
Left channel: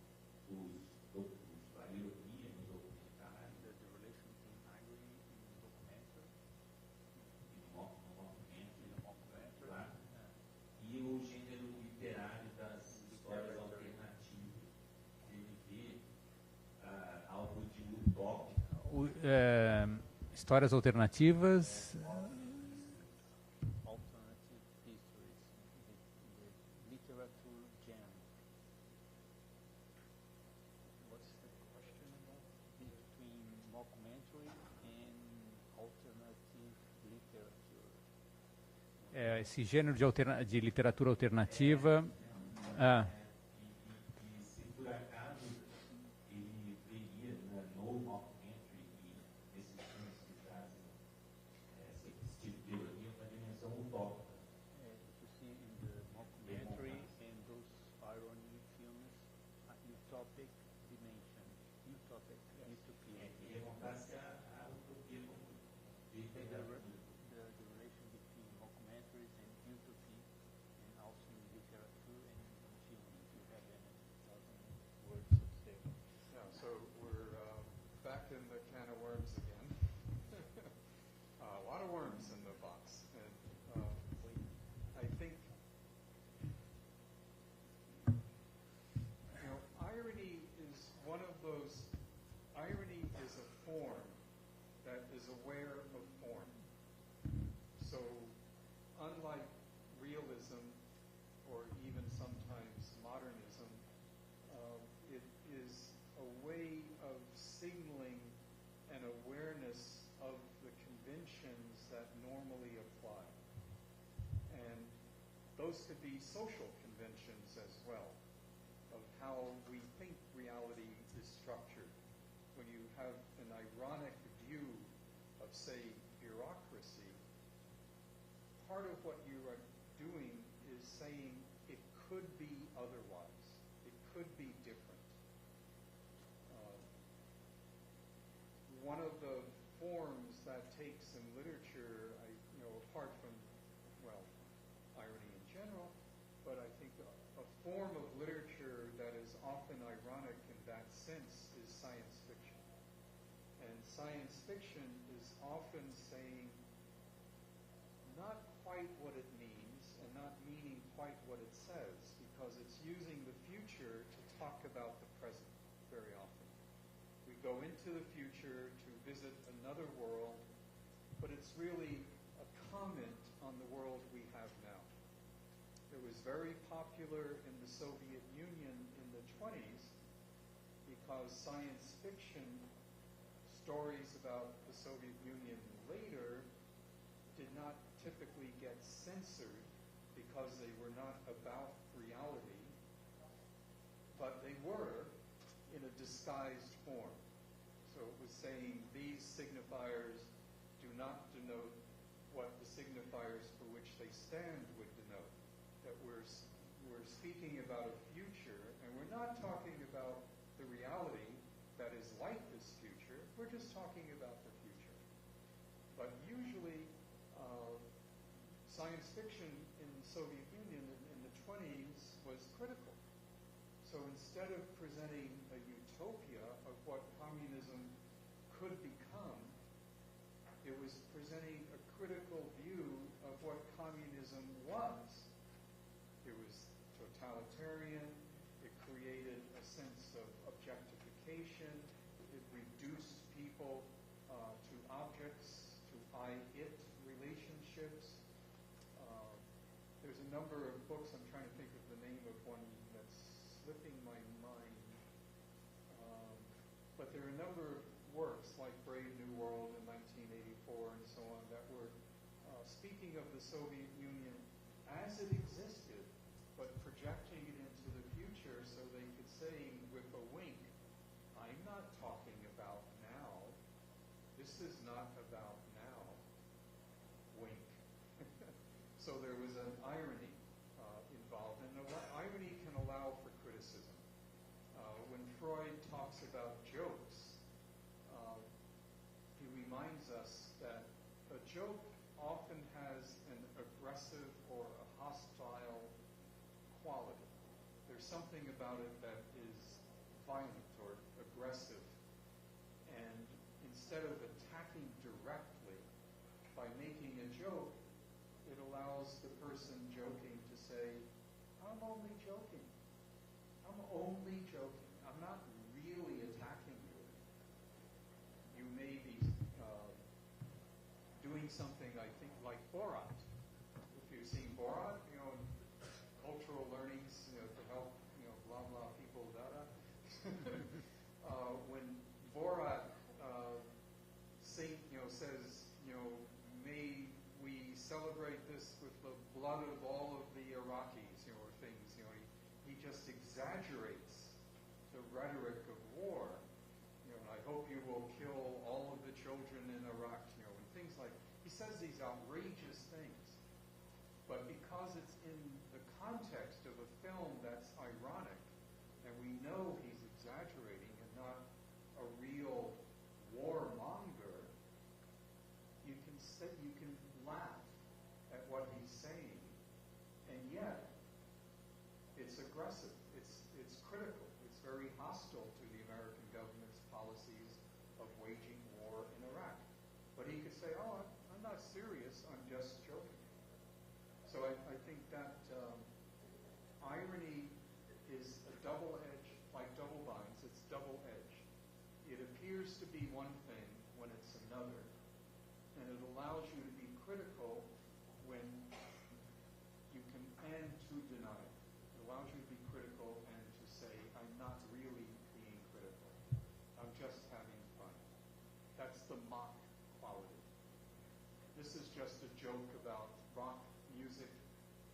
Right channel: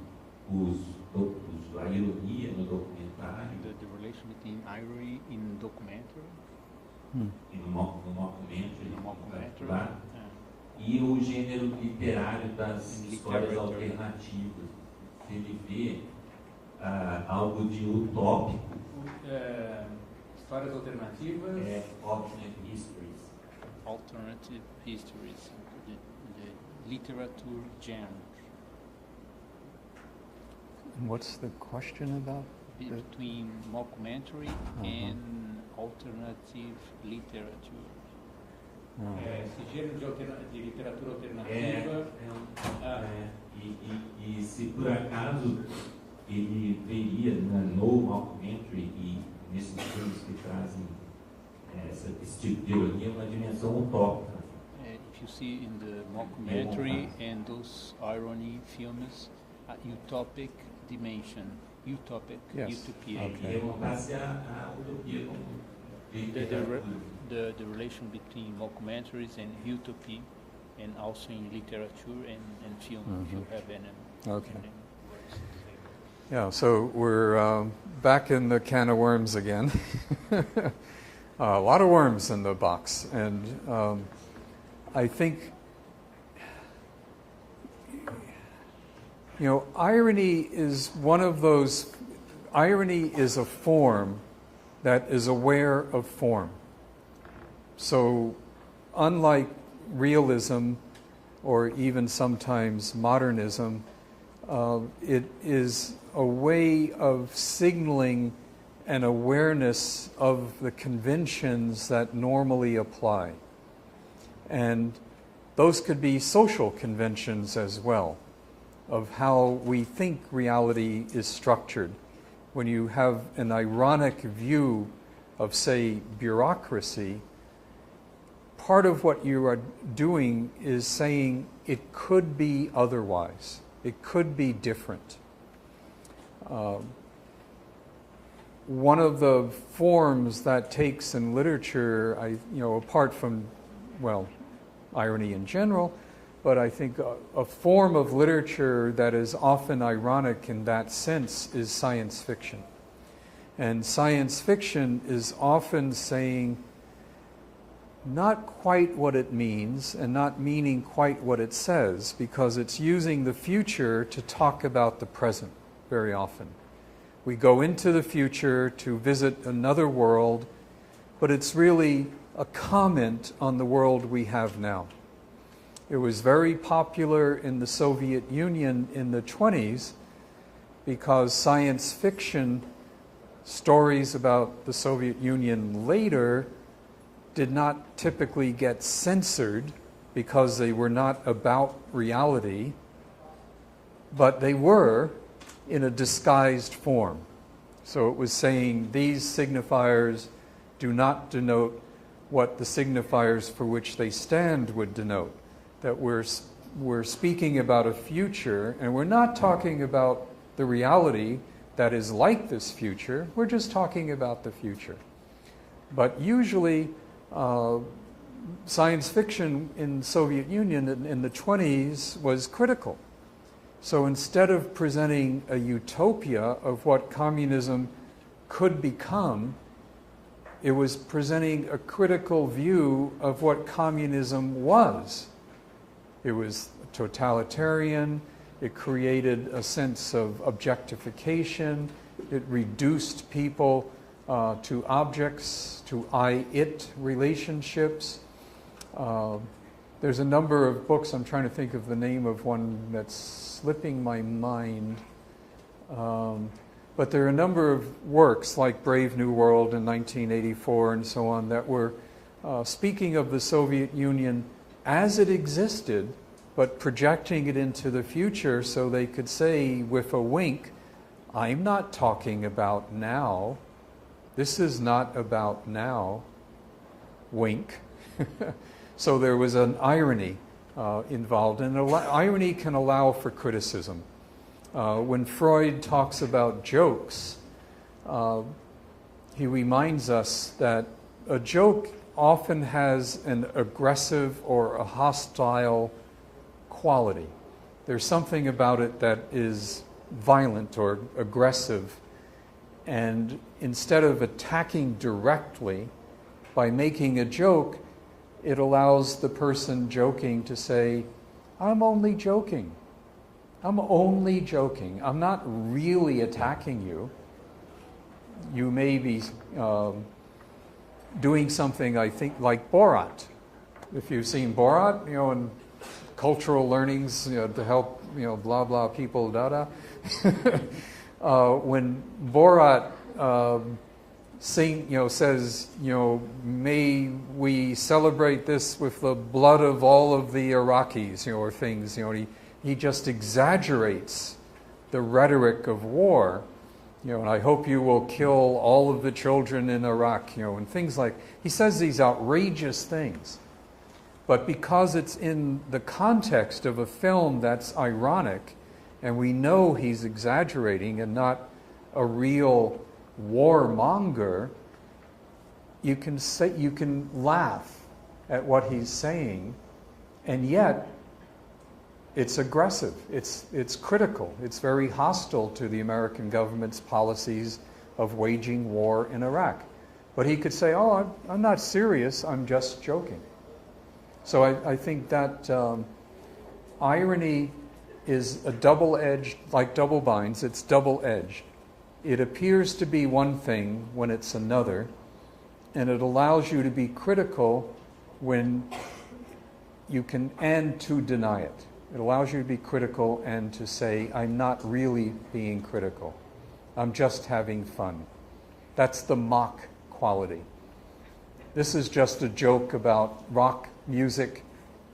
a ironia no documentário. The relation between irony in documentary. E no mockumentary, Mockumentary. E o gênero literário das histórias alternativas. Se ele vê algo de utópico. Histórias alternativas. Alternate histories. Alternative histories. The literature genre. What's the question about? Between mockumentary and alternative literature. Esse gênero de literatura alternativa. E se por acaso ele veria no mockumentary e nesses filmes que trazem esse tipo de ironia uma dimensão utópica. If you see in the mockumentary and those irony films, utopic dimension, utopic, Yes. utopia. Okay. E evocasse a utopia como literatura. The relation between mockumentaries and utopia, and also in literature and film, if you have any. Okay. any words to say. Yeah, so we're back in the can of worms again. A lot of worms in the box. And I think, irony is one of those, irony is a form that is aware of form. So unlike realism or even sometimes modernism, it is a way of signaling an awareness of the conventions that normally apply. And those could be social conventions as well, of how we think reality is structured. When you have an ironic view of, say, bureaucracy, part of what you are doing is saying it could be otherwise. It could be different. One of the forms that takes in literature, apart from, irony in general, but I think a form of literature that is often ironic in that sense is science fiction. And science fiction is often saying not quite what it means and not meaning quite what it says, because it's using the future to talk about the present. very often. We go into the future to visit another world, but it's really a comment on the world we have now. It was very popular in the Soviet Union in the 20s because science fiction stories about the Soviet Union later did not typically get censored because they were not about reality, but they were in a disguised form. So it was saying these signifiers do not denote what the signifiers for which they stand would denote. That we're speaking about a future, and we're not talking about the reality that is like this future. We're just talking about the future. But usually, science fiction in the Soviet Union in the 20s was critical. So instead of presenting a utopia of what communism could become, it was presenting a critical view of what communism was. It was totalitarian. It created a sense of objectification. It reduced people to objects, to I-it relationships. There's a number of books. I'm trying to think of the name of one that's slipping my mind. But there are a number of works like Brave New World in 1984 and so on that were speaking of the Soviet Union as it existed, but projecting it into the future so they could say with a wink, I'm not talking about now. This is not about now. Wink. So there was an irony involved, and irony can allow for criticism. When Freud talks about jokes, he reminds us that a joke often has an aggressive or a hostile quality. There's something about it that is violent or aggressive, and instead of attacking directly by making a joke, it allows the person joking to say, I'm only joking. I'm only joking. I'm not really attacking you. You may be doing something, I think, like Borat. If you've seen Borat, in cultural learnings, to help, blah, blah people, da-da. When Borat says, may we celebrate this with the blood of all of the Iraqis, or things, he just exaggerates the rhetoric of war, and I hope you will kill all of the children in Iraq, and things like, he says these outrageous things. But because it's in the context of a film that's ironic, and we know he's exaggerating and not a real warmonger, you can laugh at what he's saying, and yet it's aggressive, it's critical, it's very hostile to the American government's policies of waging war in Iraq. But he could say, oh, I'm not serious, I'm just joking. So I think that irony is a double-edged, like double binds, it's double-edged. It appears to be one thing when it's another, and it allows you to be critical when you can, and to deny it. It allows you to be critical and to say, I'm not really being critical. I'm just having fun. That's the mock quality. This is just a joke about rock music,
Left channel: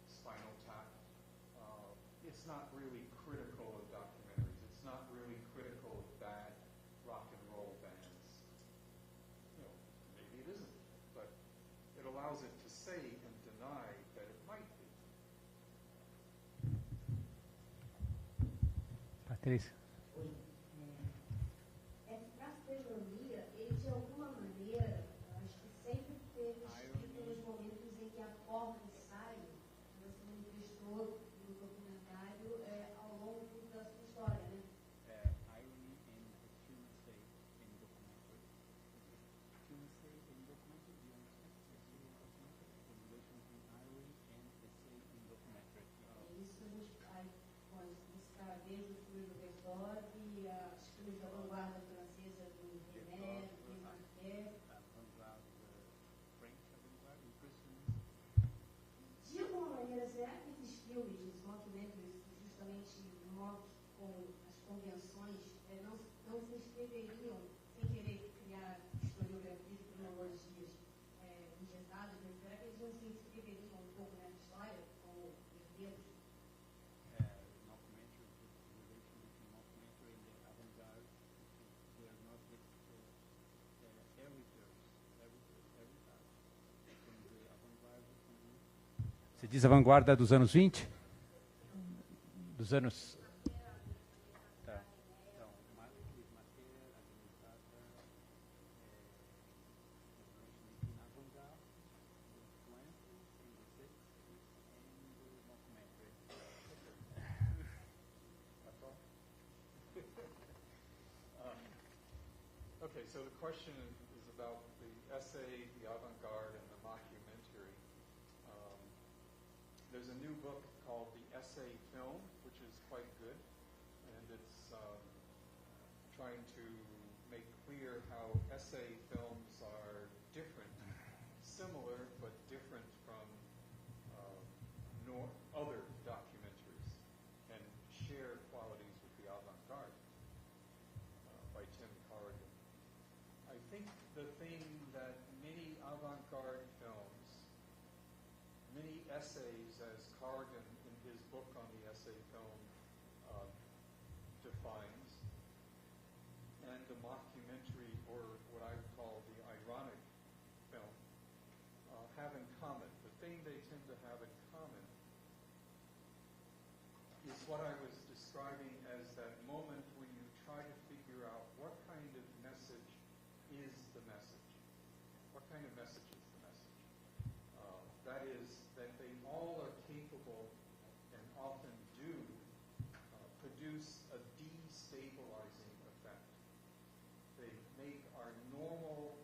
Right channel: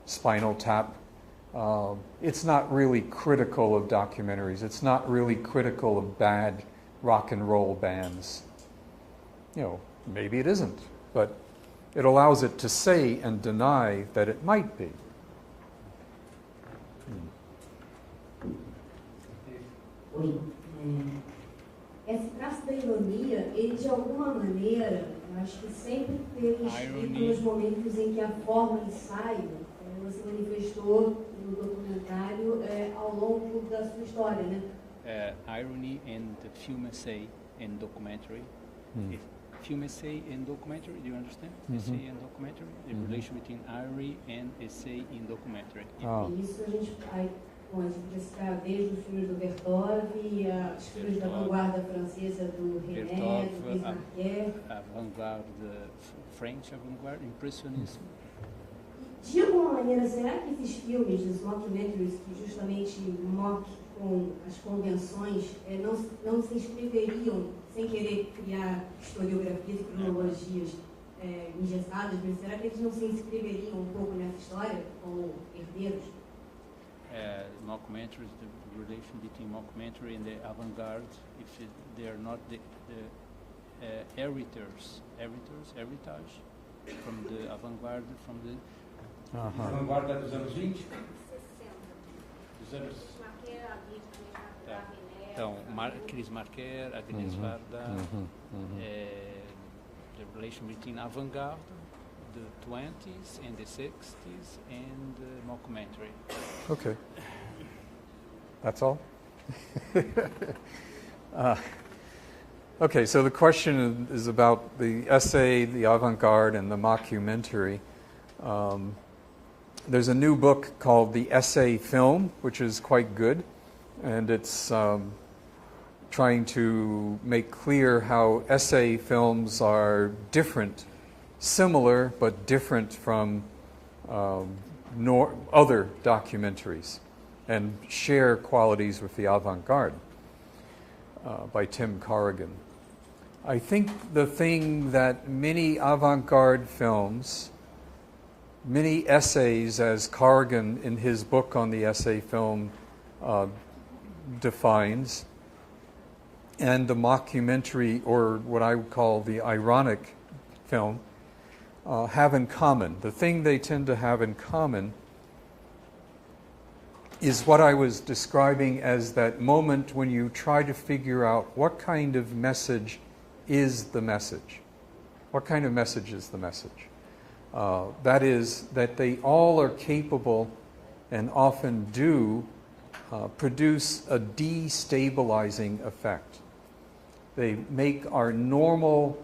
Spinal Tap. It's not really critical of documentaries. It's not really critical of bad rock and roll bands. Maybe it isn't, but it allows it to say and deny that it might be. Esse traço da ironia, ele de alguma maneira, eu acho que sempre teve escrito nos momentos em que a forma ensaio você manifestou no documentário ao longo da sua história, né? Irony and the film essay and documentary. Film essay and documentary, do you understand? Essay and documentary, the relation between irony and essay in documentary. Isso a gente onde podia citar desde os filmes do Bertov, os filmes da vanguarda francesa do René, do Chris Marquet. Avant-garde, French avant-garde, impressionismo. De alguma maneira, será que esses filmes, os mockumentaries, que justamente mock com as convenções, não se inscreveriam, sem querer criar historiografias e cronologias engessadas, mas será que eles não se inscreveriam um pouco nessa história como herdeiros? Mockumentaries, the relation between mockumentary and the avant-garde, if they are not the heritage from the avant-garde, from the... Você diz a vanguarda dos anos 20? Dos anos... Então, Chris Marquet, Agnes Varda, the relation between avant-garde, the 20s and the 60s, and mockumentary. Okay. That's all? Okay, so the question is about the essay, the avant-garde, and the mockumentary. There's a new book called The Essay Film, which is quite good, and it's trying to make clear how essay films are different, similar, but different from other documentaries, and share qualities with the avant-garde, by Tim Corrigan. I think the thing that many avant-garde films, many essays, as Corrigan in his book on the essay film defines, and the mockumentary, or what I would call the ironic film, have in common. The thing they tend to have in common is what I was describing as that moment when you try to figure out what kind of message is the message. What kind of message is the message? That is, that they all are capable and often do produce a destabilizing effect. They make our normal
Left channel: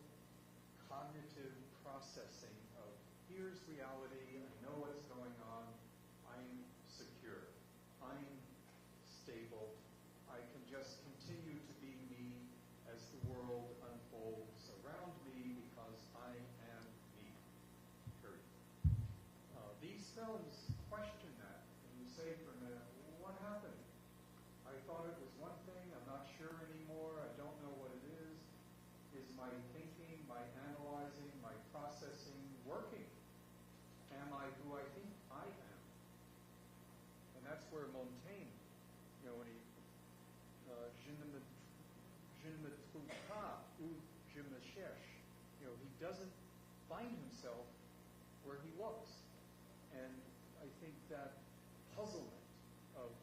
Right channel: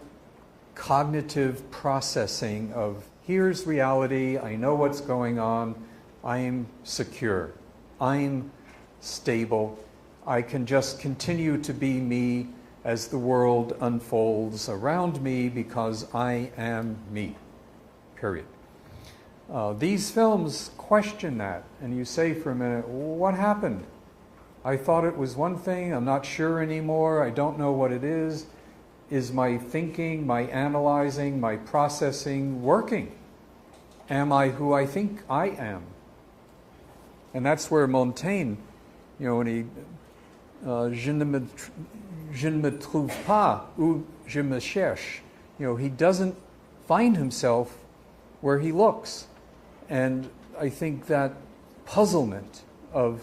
cognitive processing of, here's reality, I know what's going on, I'm secure, I'm stable, I can just continue to be me as the world unfolds around me because I am me, period. These films question that, and you say for a minute, what happened? I thought it was one thing, I'm not sure anymore, I don't know what it is. Is my thinking, my analyzing, my processing working? Am I who I think I am? And that's where Montaigne, when he, je ne me trouve pas où je me cherche, he doesn't find himself where he looks. And I think that puzzlement of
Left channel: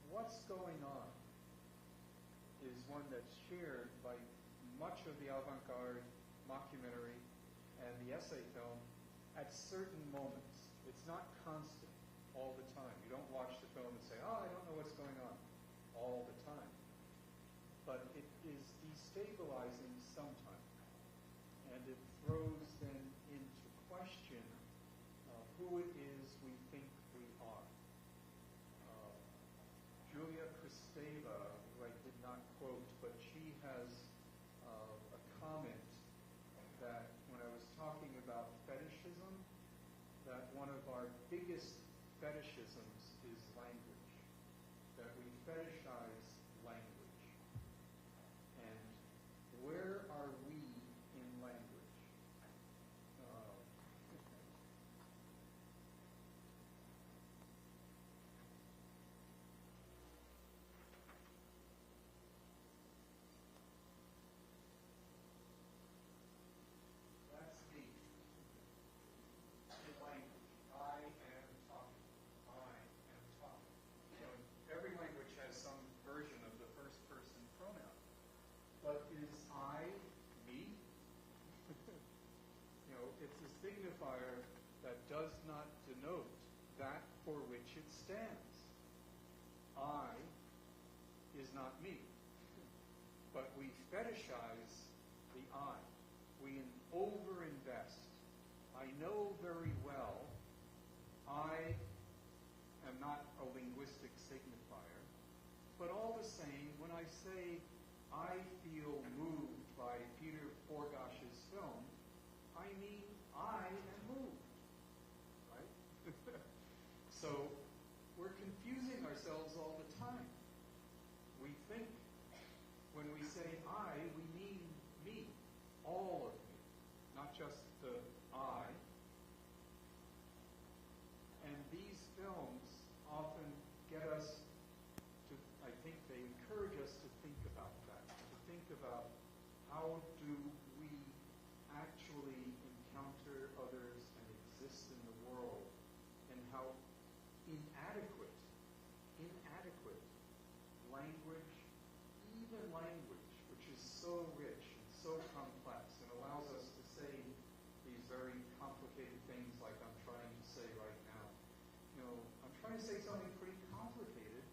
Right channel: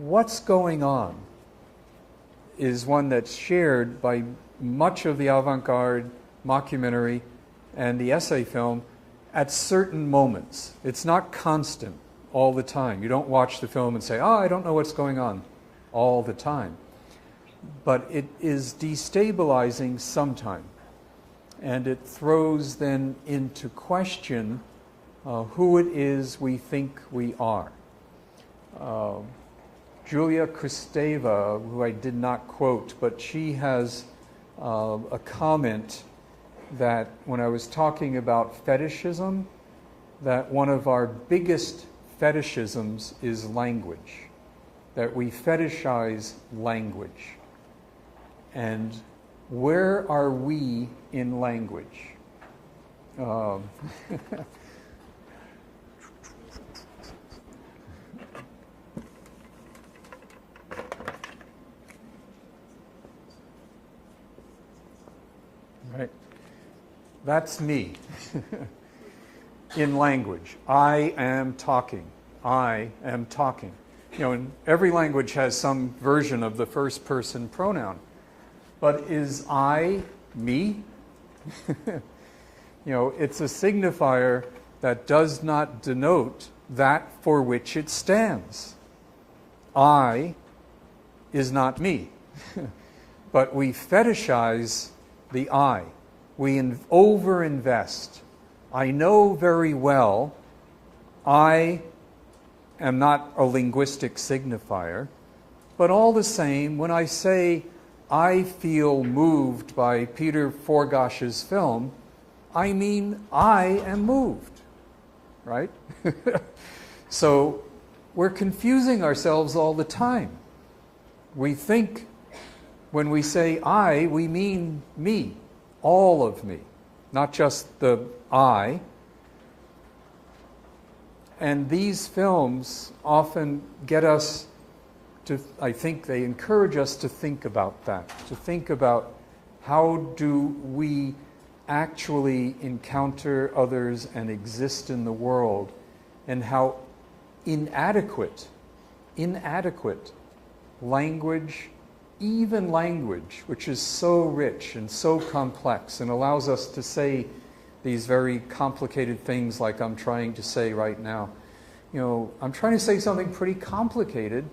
what's going on is one that's shared by much of the avant-garde, mockumentary, and the essay film at certain moments. It's not constant all the time. You don't watch the film and say, I don't know what's going on all the time. But it is destabilizing sometime. And it throws then into question who it is we think we are. Julia Kristeva, who I did not quote, but she has a comment that when I was talking about fetishism, that one of our biggest fetishisms is language, that we fetishize language. And where are we in language? Right. That's me in language. I am talking. I am talking. And every language has some version of the first person pronoun. But is I me? It's a signifier that does not denote that for which it stands. I is not me. But we fetishize the I. We over-invest. I know very well I am not a linguistic signifier, but all the same, when I say I feel moved by Peter Forgash's film, I mean I am moved, right? So we're confusing ourselves all the time. We think when we say I, we mean me, all of me, not just the I. And these films often get us to, I think they encourage us to think about that, to think about how do we actually encounter others and exist in the world, and how inadequate language, even language, which is so rich and so complex and allows us to say these very complicated things like I'm trying to say right now. You know, I'm trying to say something pretty complicated,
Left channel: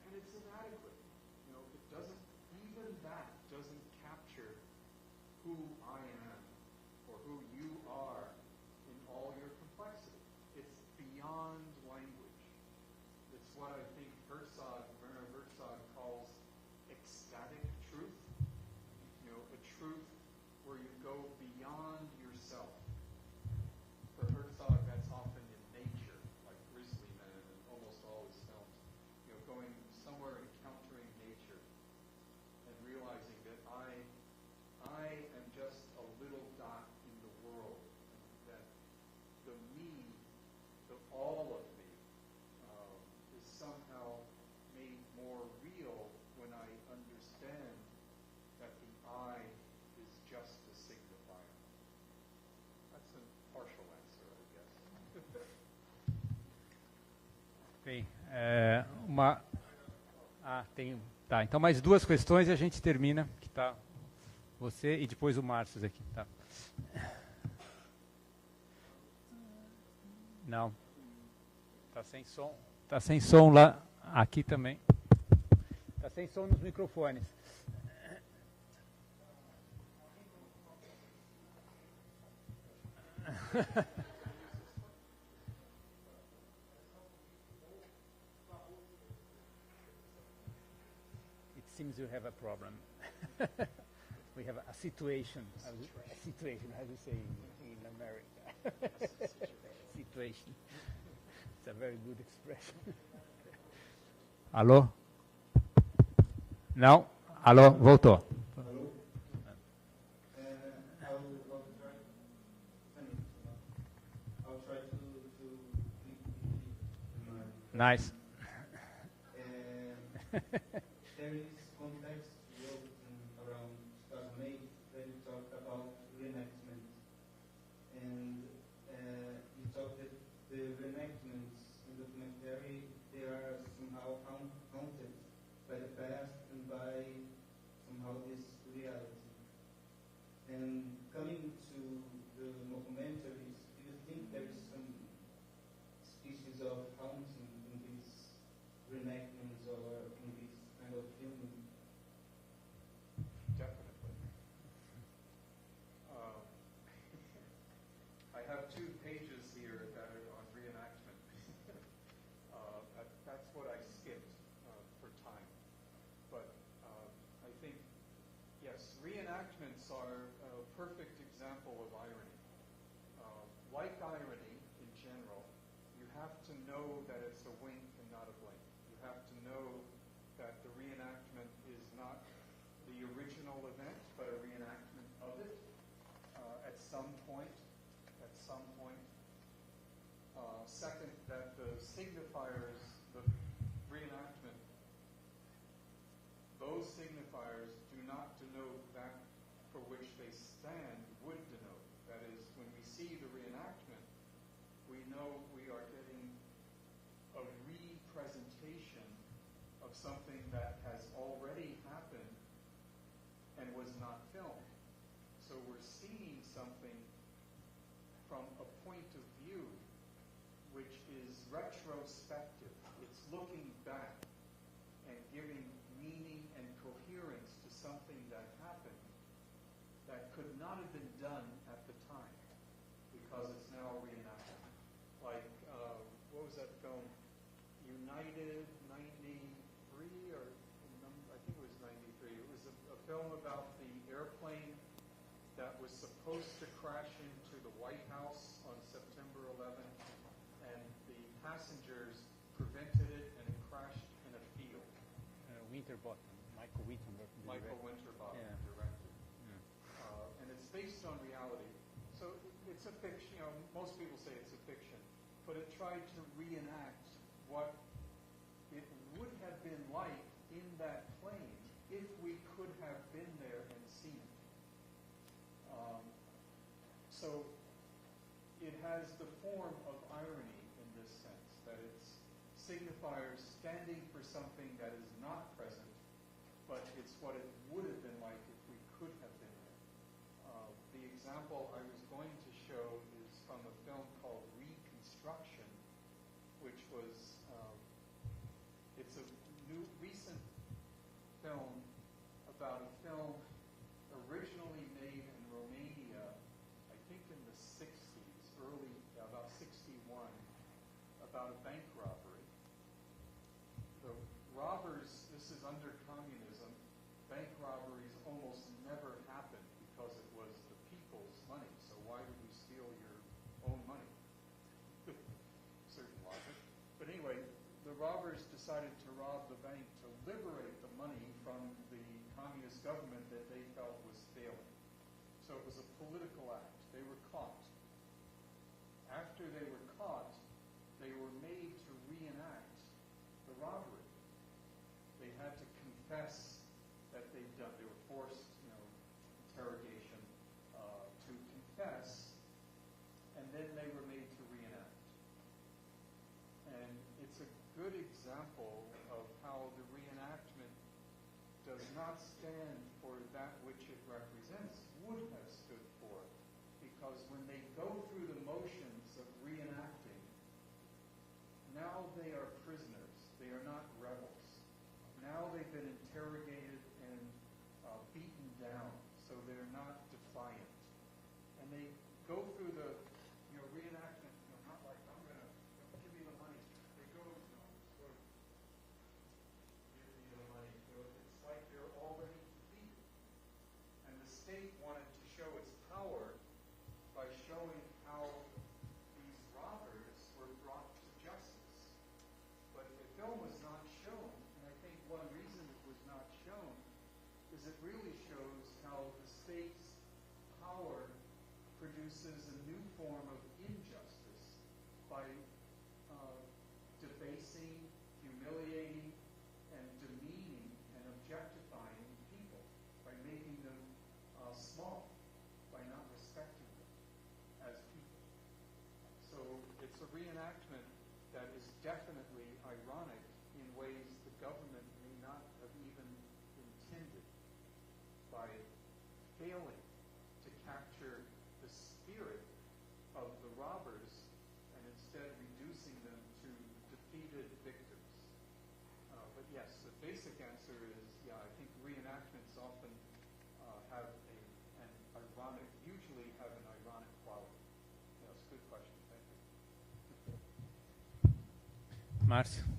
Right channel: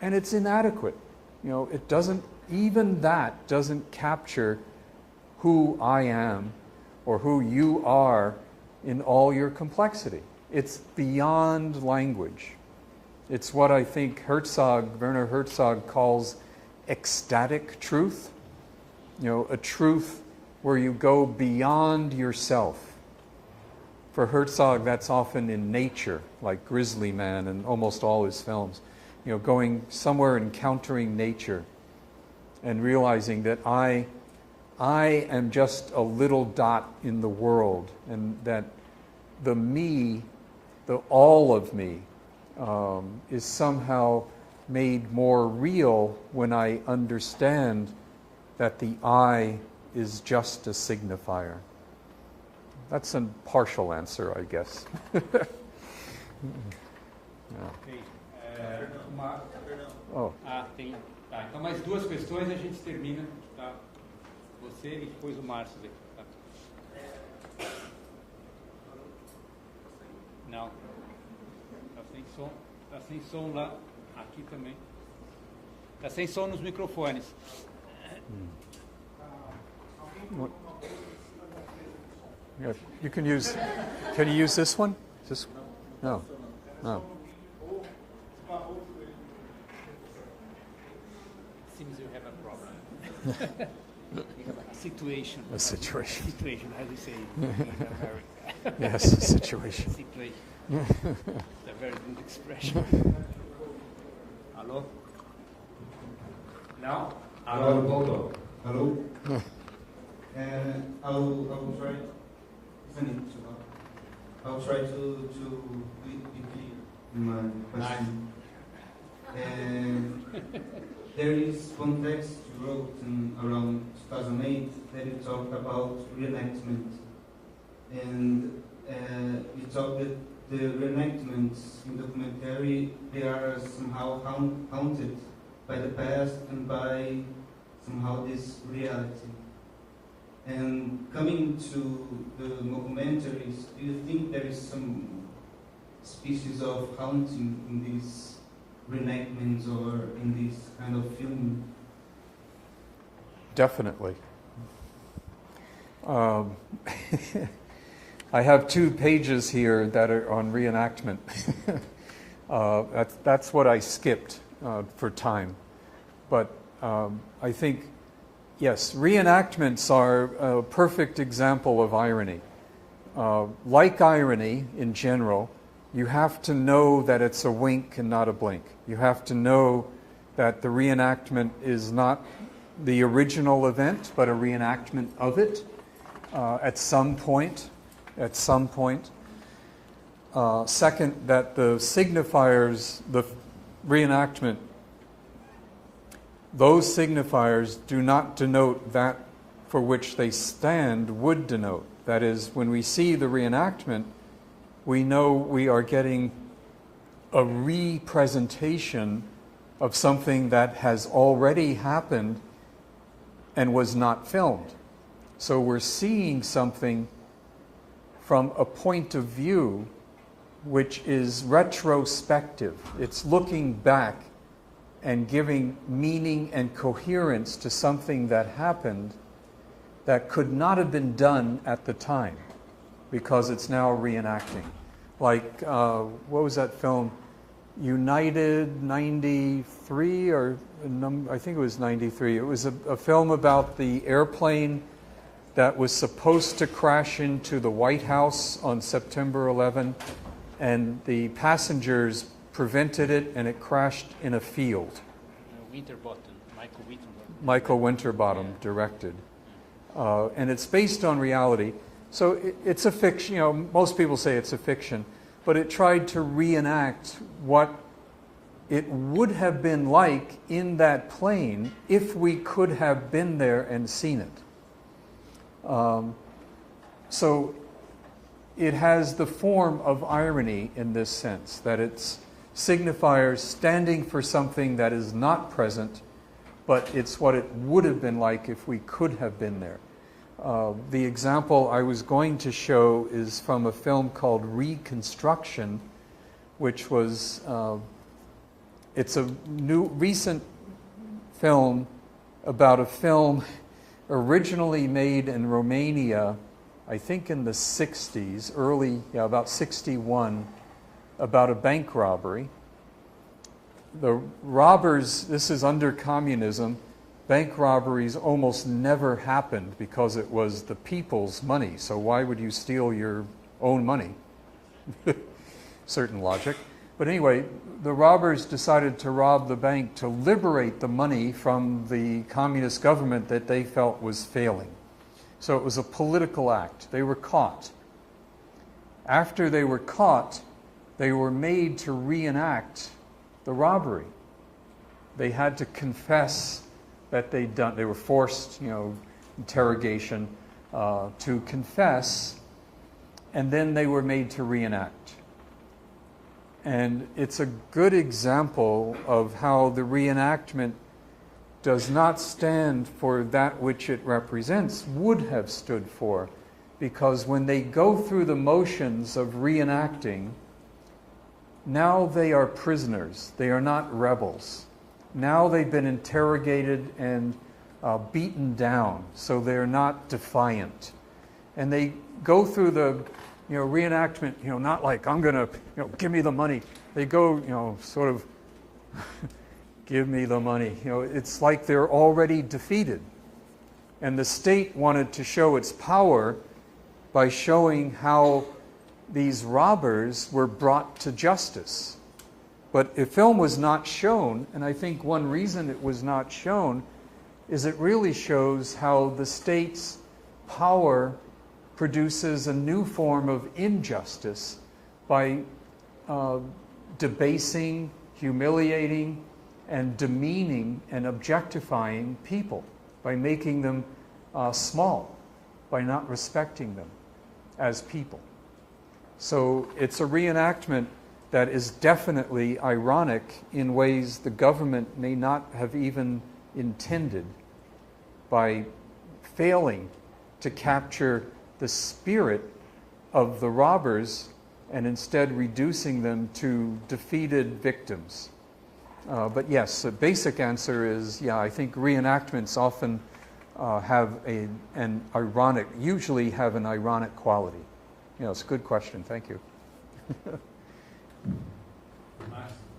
and it's inadequate. You know, it doesn't, even that doesn't capture who I am or who you are in all your complexity. It's beyond language. It's what I think Werner Herzog calls ecstatic truth. You know, a truth where you go beyond yourself. For Herzog, that's often in nature, like Grizzly Man and almost all his films. You know, going somewhere, encountering nature and realizing that I am just a little dot in the world, and that the me, the all of me, is somehow made more real when I understand that the I is just a signifier. That's a partial answer, I guess. Ok. Tem. Tá, então mais duas questões e a gente termina. Que tá você e depois o Márcio aqui. Tá? Não. Tá sem som. Tá sem som lá. Aqui também. Tá sem som nos microfones. Yeah, you can use. Can you use this one? This one? No. No. Seems you have a problem. We have a situation. A situation. Situation, as we say in America. Yes, a situation. Situation. It's a very good expression. Alô? Não? Alô, voltou. Hello. I'll try to be clear in my question. Nice. There is one text you wrote around 2008 that you talked about reenactment, and you talked that the reenactments in documentary, they are somehow haunted by the past and by somehow this reality. And coming to the mockumentaries, do you think there is some species of haunting in these reenactments or in this kind of film? Definitely. I have 2 pages here that are on reenactment. That's what I skipped for time. But I think, yes, reenactments are a perfect example of irony. Like irony in general, you have to know that it's a wink and not a blink. You have to know that the reenactment is not the original event, but a reenactment of it at some point. Second, that the signifiers, the reenactment, those signifiers do not denote that for which they stand would denote. That is, when we see the reenactment, we know we are getting a representation of something that has already happened and was not filmed. So we're seeing something from a point of view which is retrospective. It's looking back and giving meaning and coherence to something that happened that could not have been done at the time because it's now reenacting. Like, what was that film? United 93, or I think it was 93. It was a film about the airplane that was supposed to crash into the White House on September 11, and the passengers prevented it, and it crashed in a field. Michael Winterbottom directed. And it's based on reality. So it's a fiction, most people say it's a fiction, but it tried to reenact what it would have been like in that plane if we could have been there and seen it. So it has the form of irony in this sense, that it's signifiers standing for something that is not present, but it's what it would have been like if we could have been there. The example I was going to show is from a film called Reconstruction, which was, it's a recent film about a film originally made in Romania, I think in the 60s, about 61, about a bank robbery. The robbers, this is under communism, bank robberies almost never happened because it was the people's money. So why would you steal your own money? Certain logic. But anyway, the robbers decided to rob the bank to liberate the money from the communist government that they felt was failing. So it was a political act. They were caught. After they were caught, they were made to reenact the robbery. They had to confess that they were forced, interrogation, to confess, and then they were made to reenact. And it's a good example of how the reenactment does not stand for that which it represents, would have stood for, because when they go through the motions of reenacting, now they are prisoners. They are not rebels. Now they've been interrogated and beaten down, so they're not defiant. And they go through the reenactment, not like, I'm going to, give me the money. They go, sort of, give me the money. It's like they're already defeated. And the state wanted to show its power by showing how these robbers were brought to justice. But the film was not shown, and I think one reason it was not shown is it really shows how the state's power produces a new form of injustice by debasing, humiliating, and demeaning and objectifying people, by making them small, by not respecting them as people. So it's a reenactment that is definitely ironic in ways the government may not have even intended, by failing to capture the spirit of the robbers and instead reducing them to defeated victims. But yes, the basic answer is, I think reenactments often usually have an ironic quality. It's a good question. Thank you. Márcio?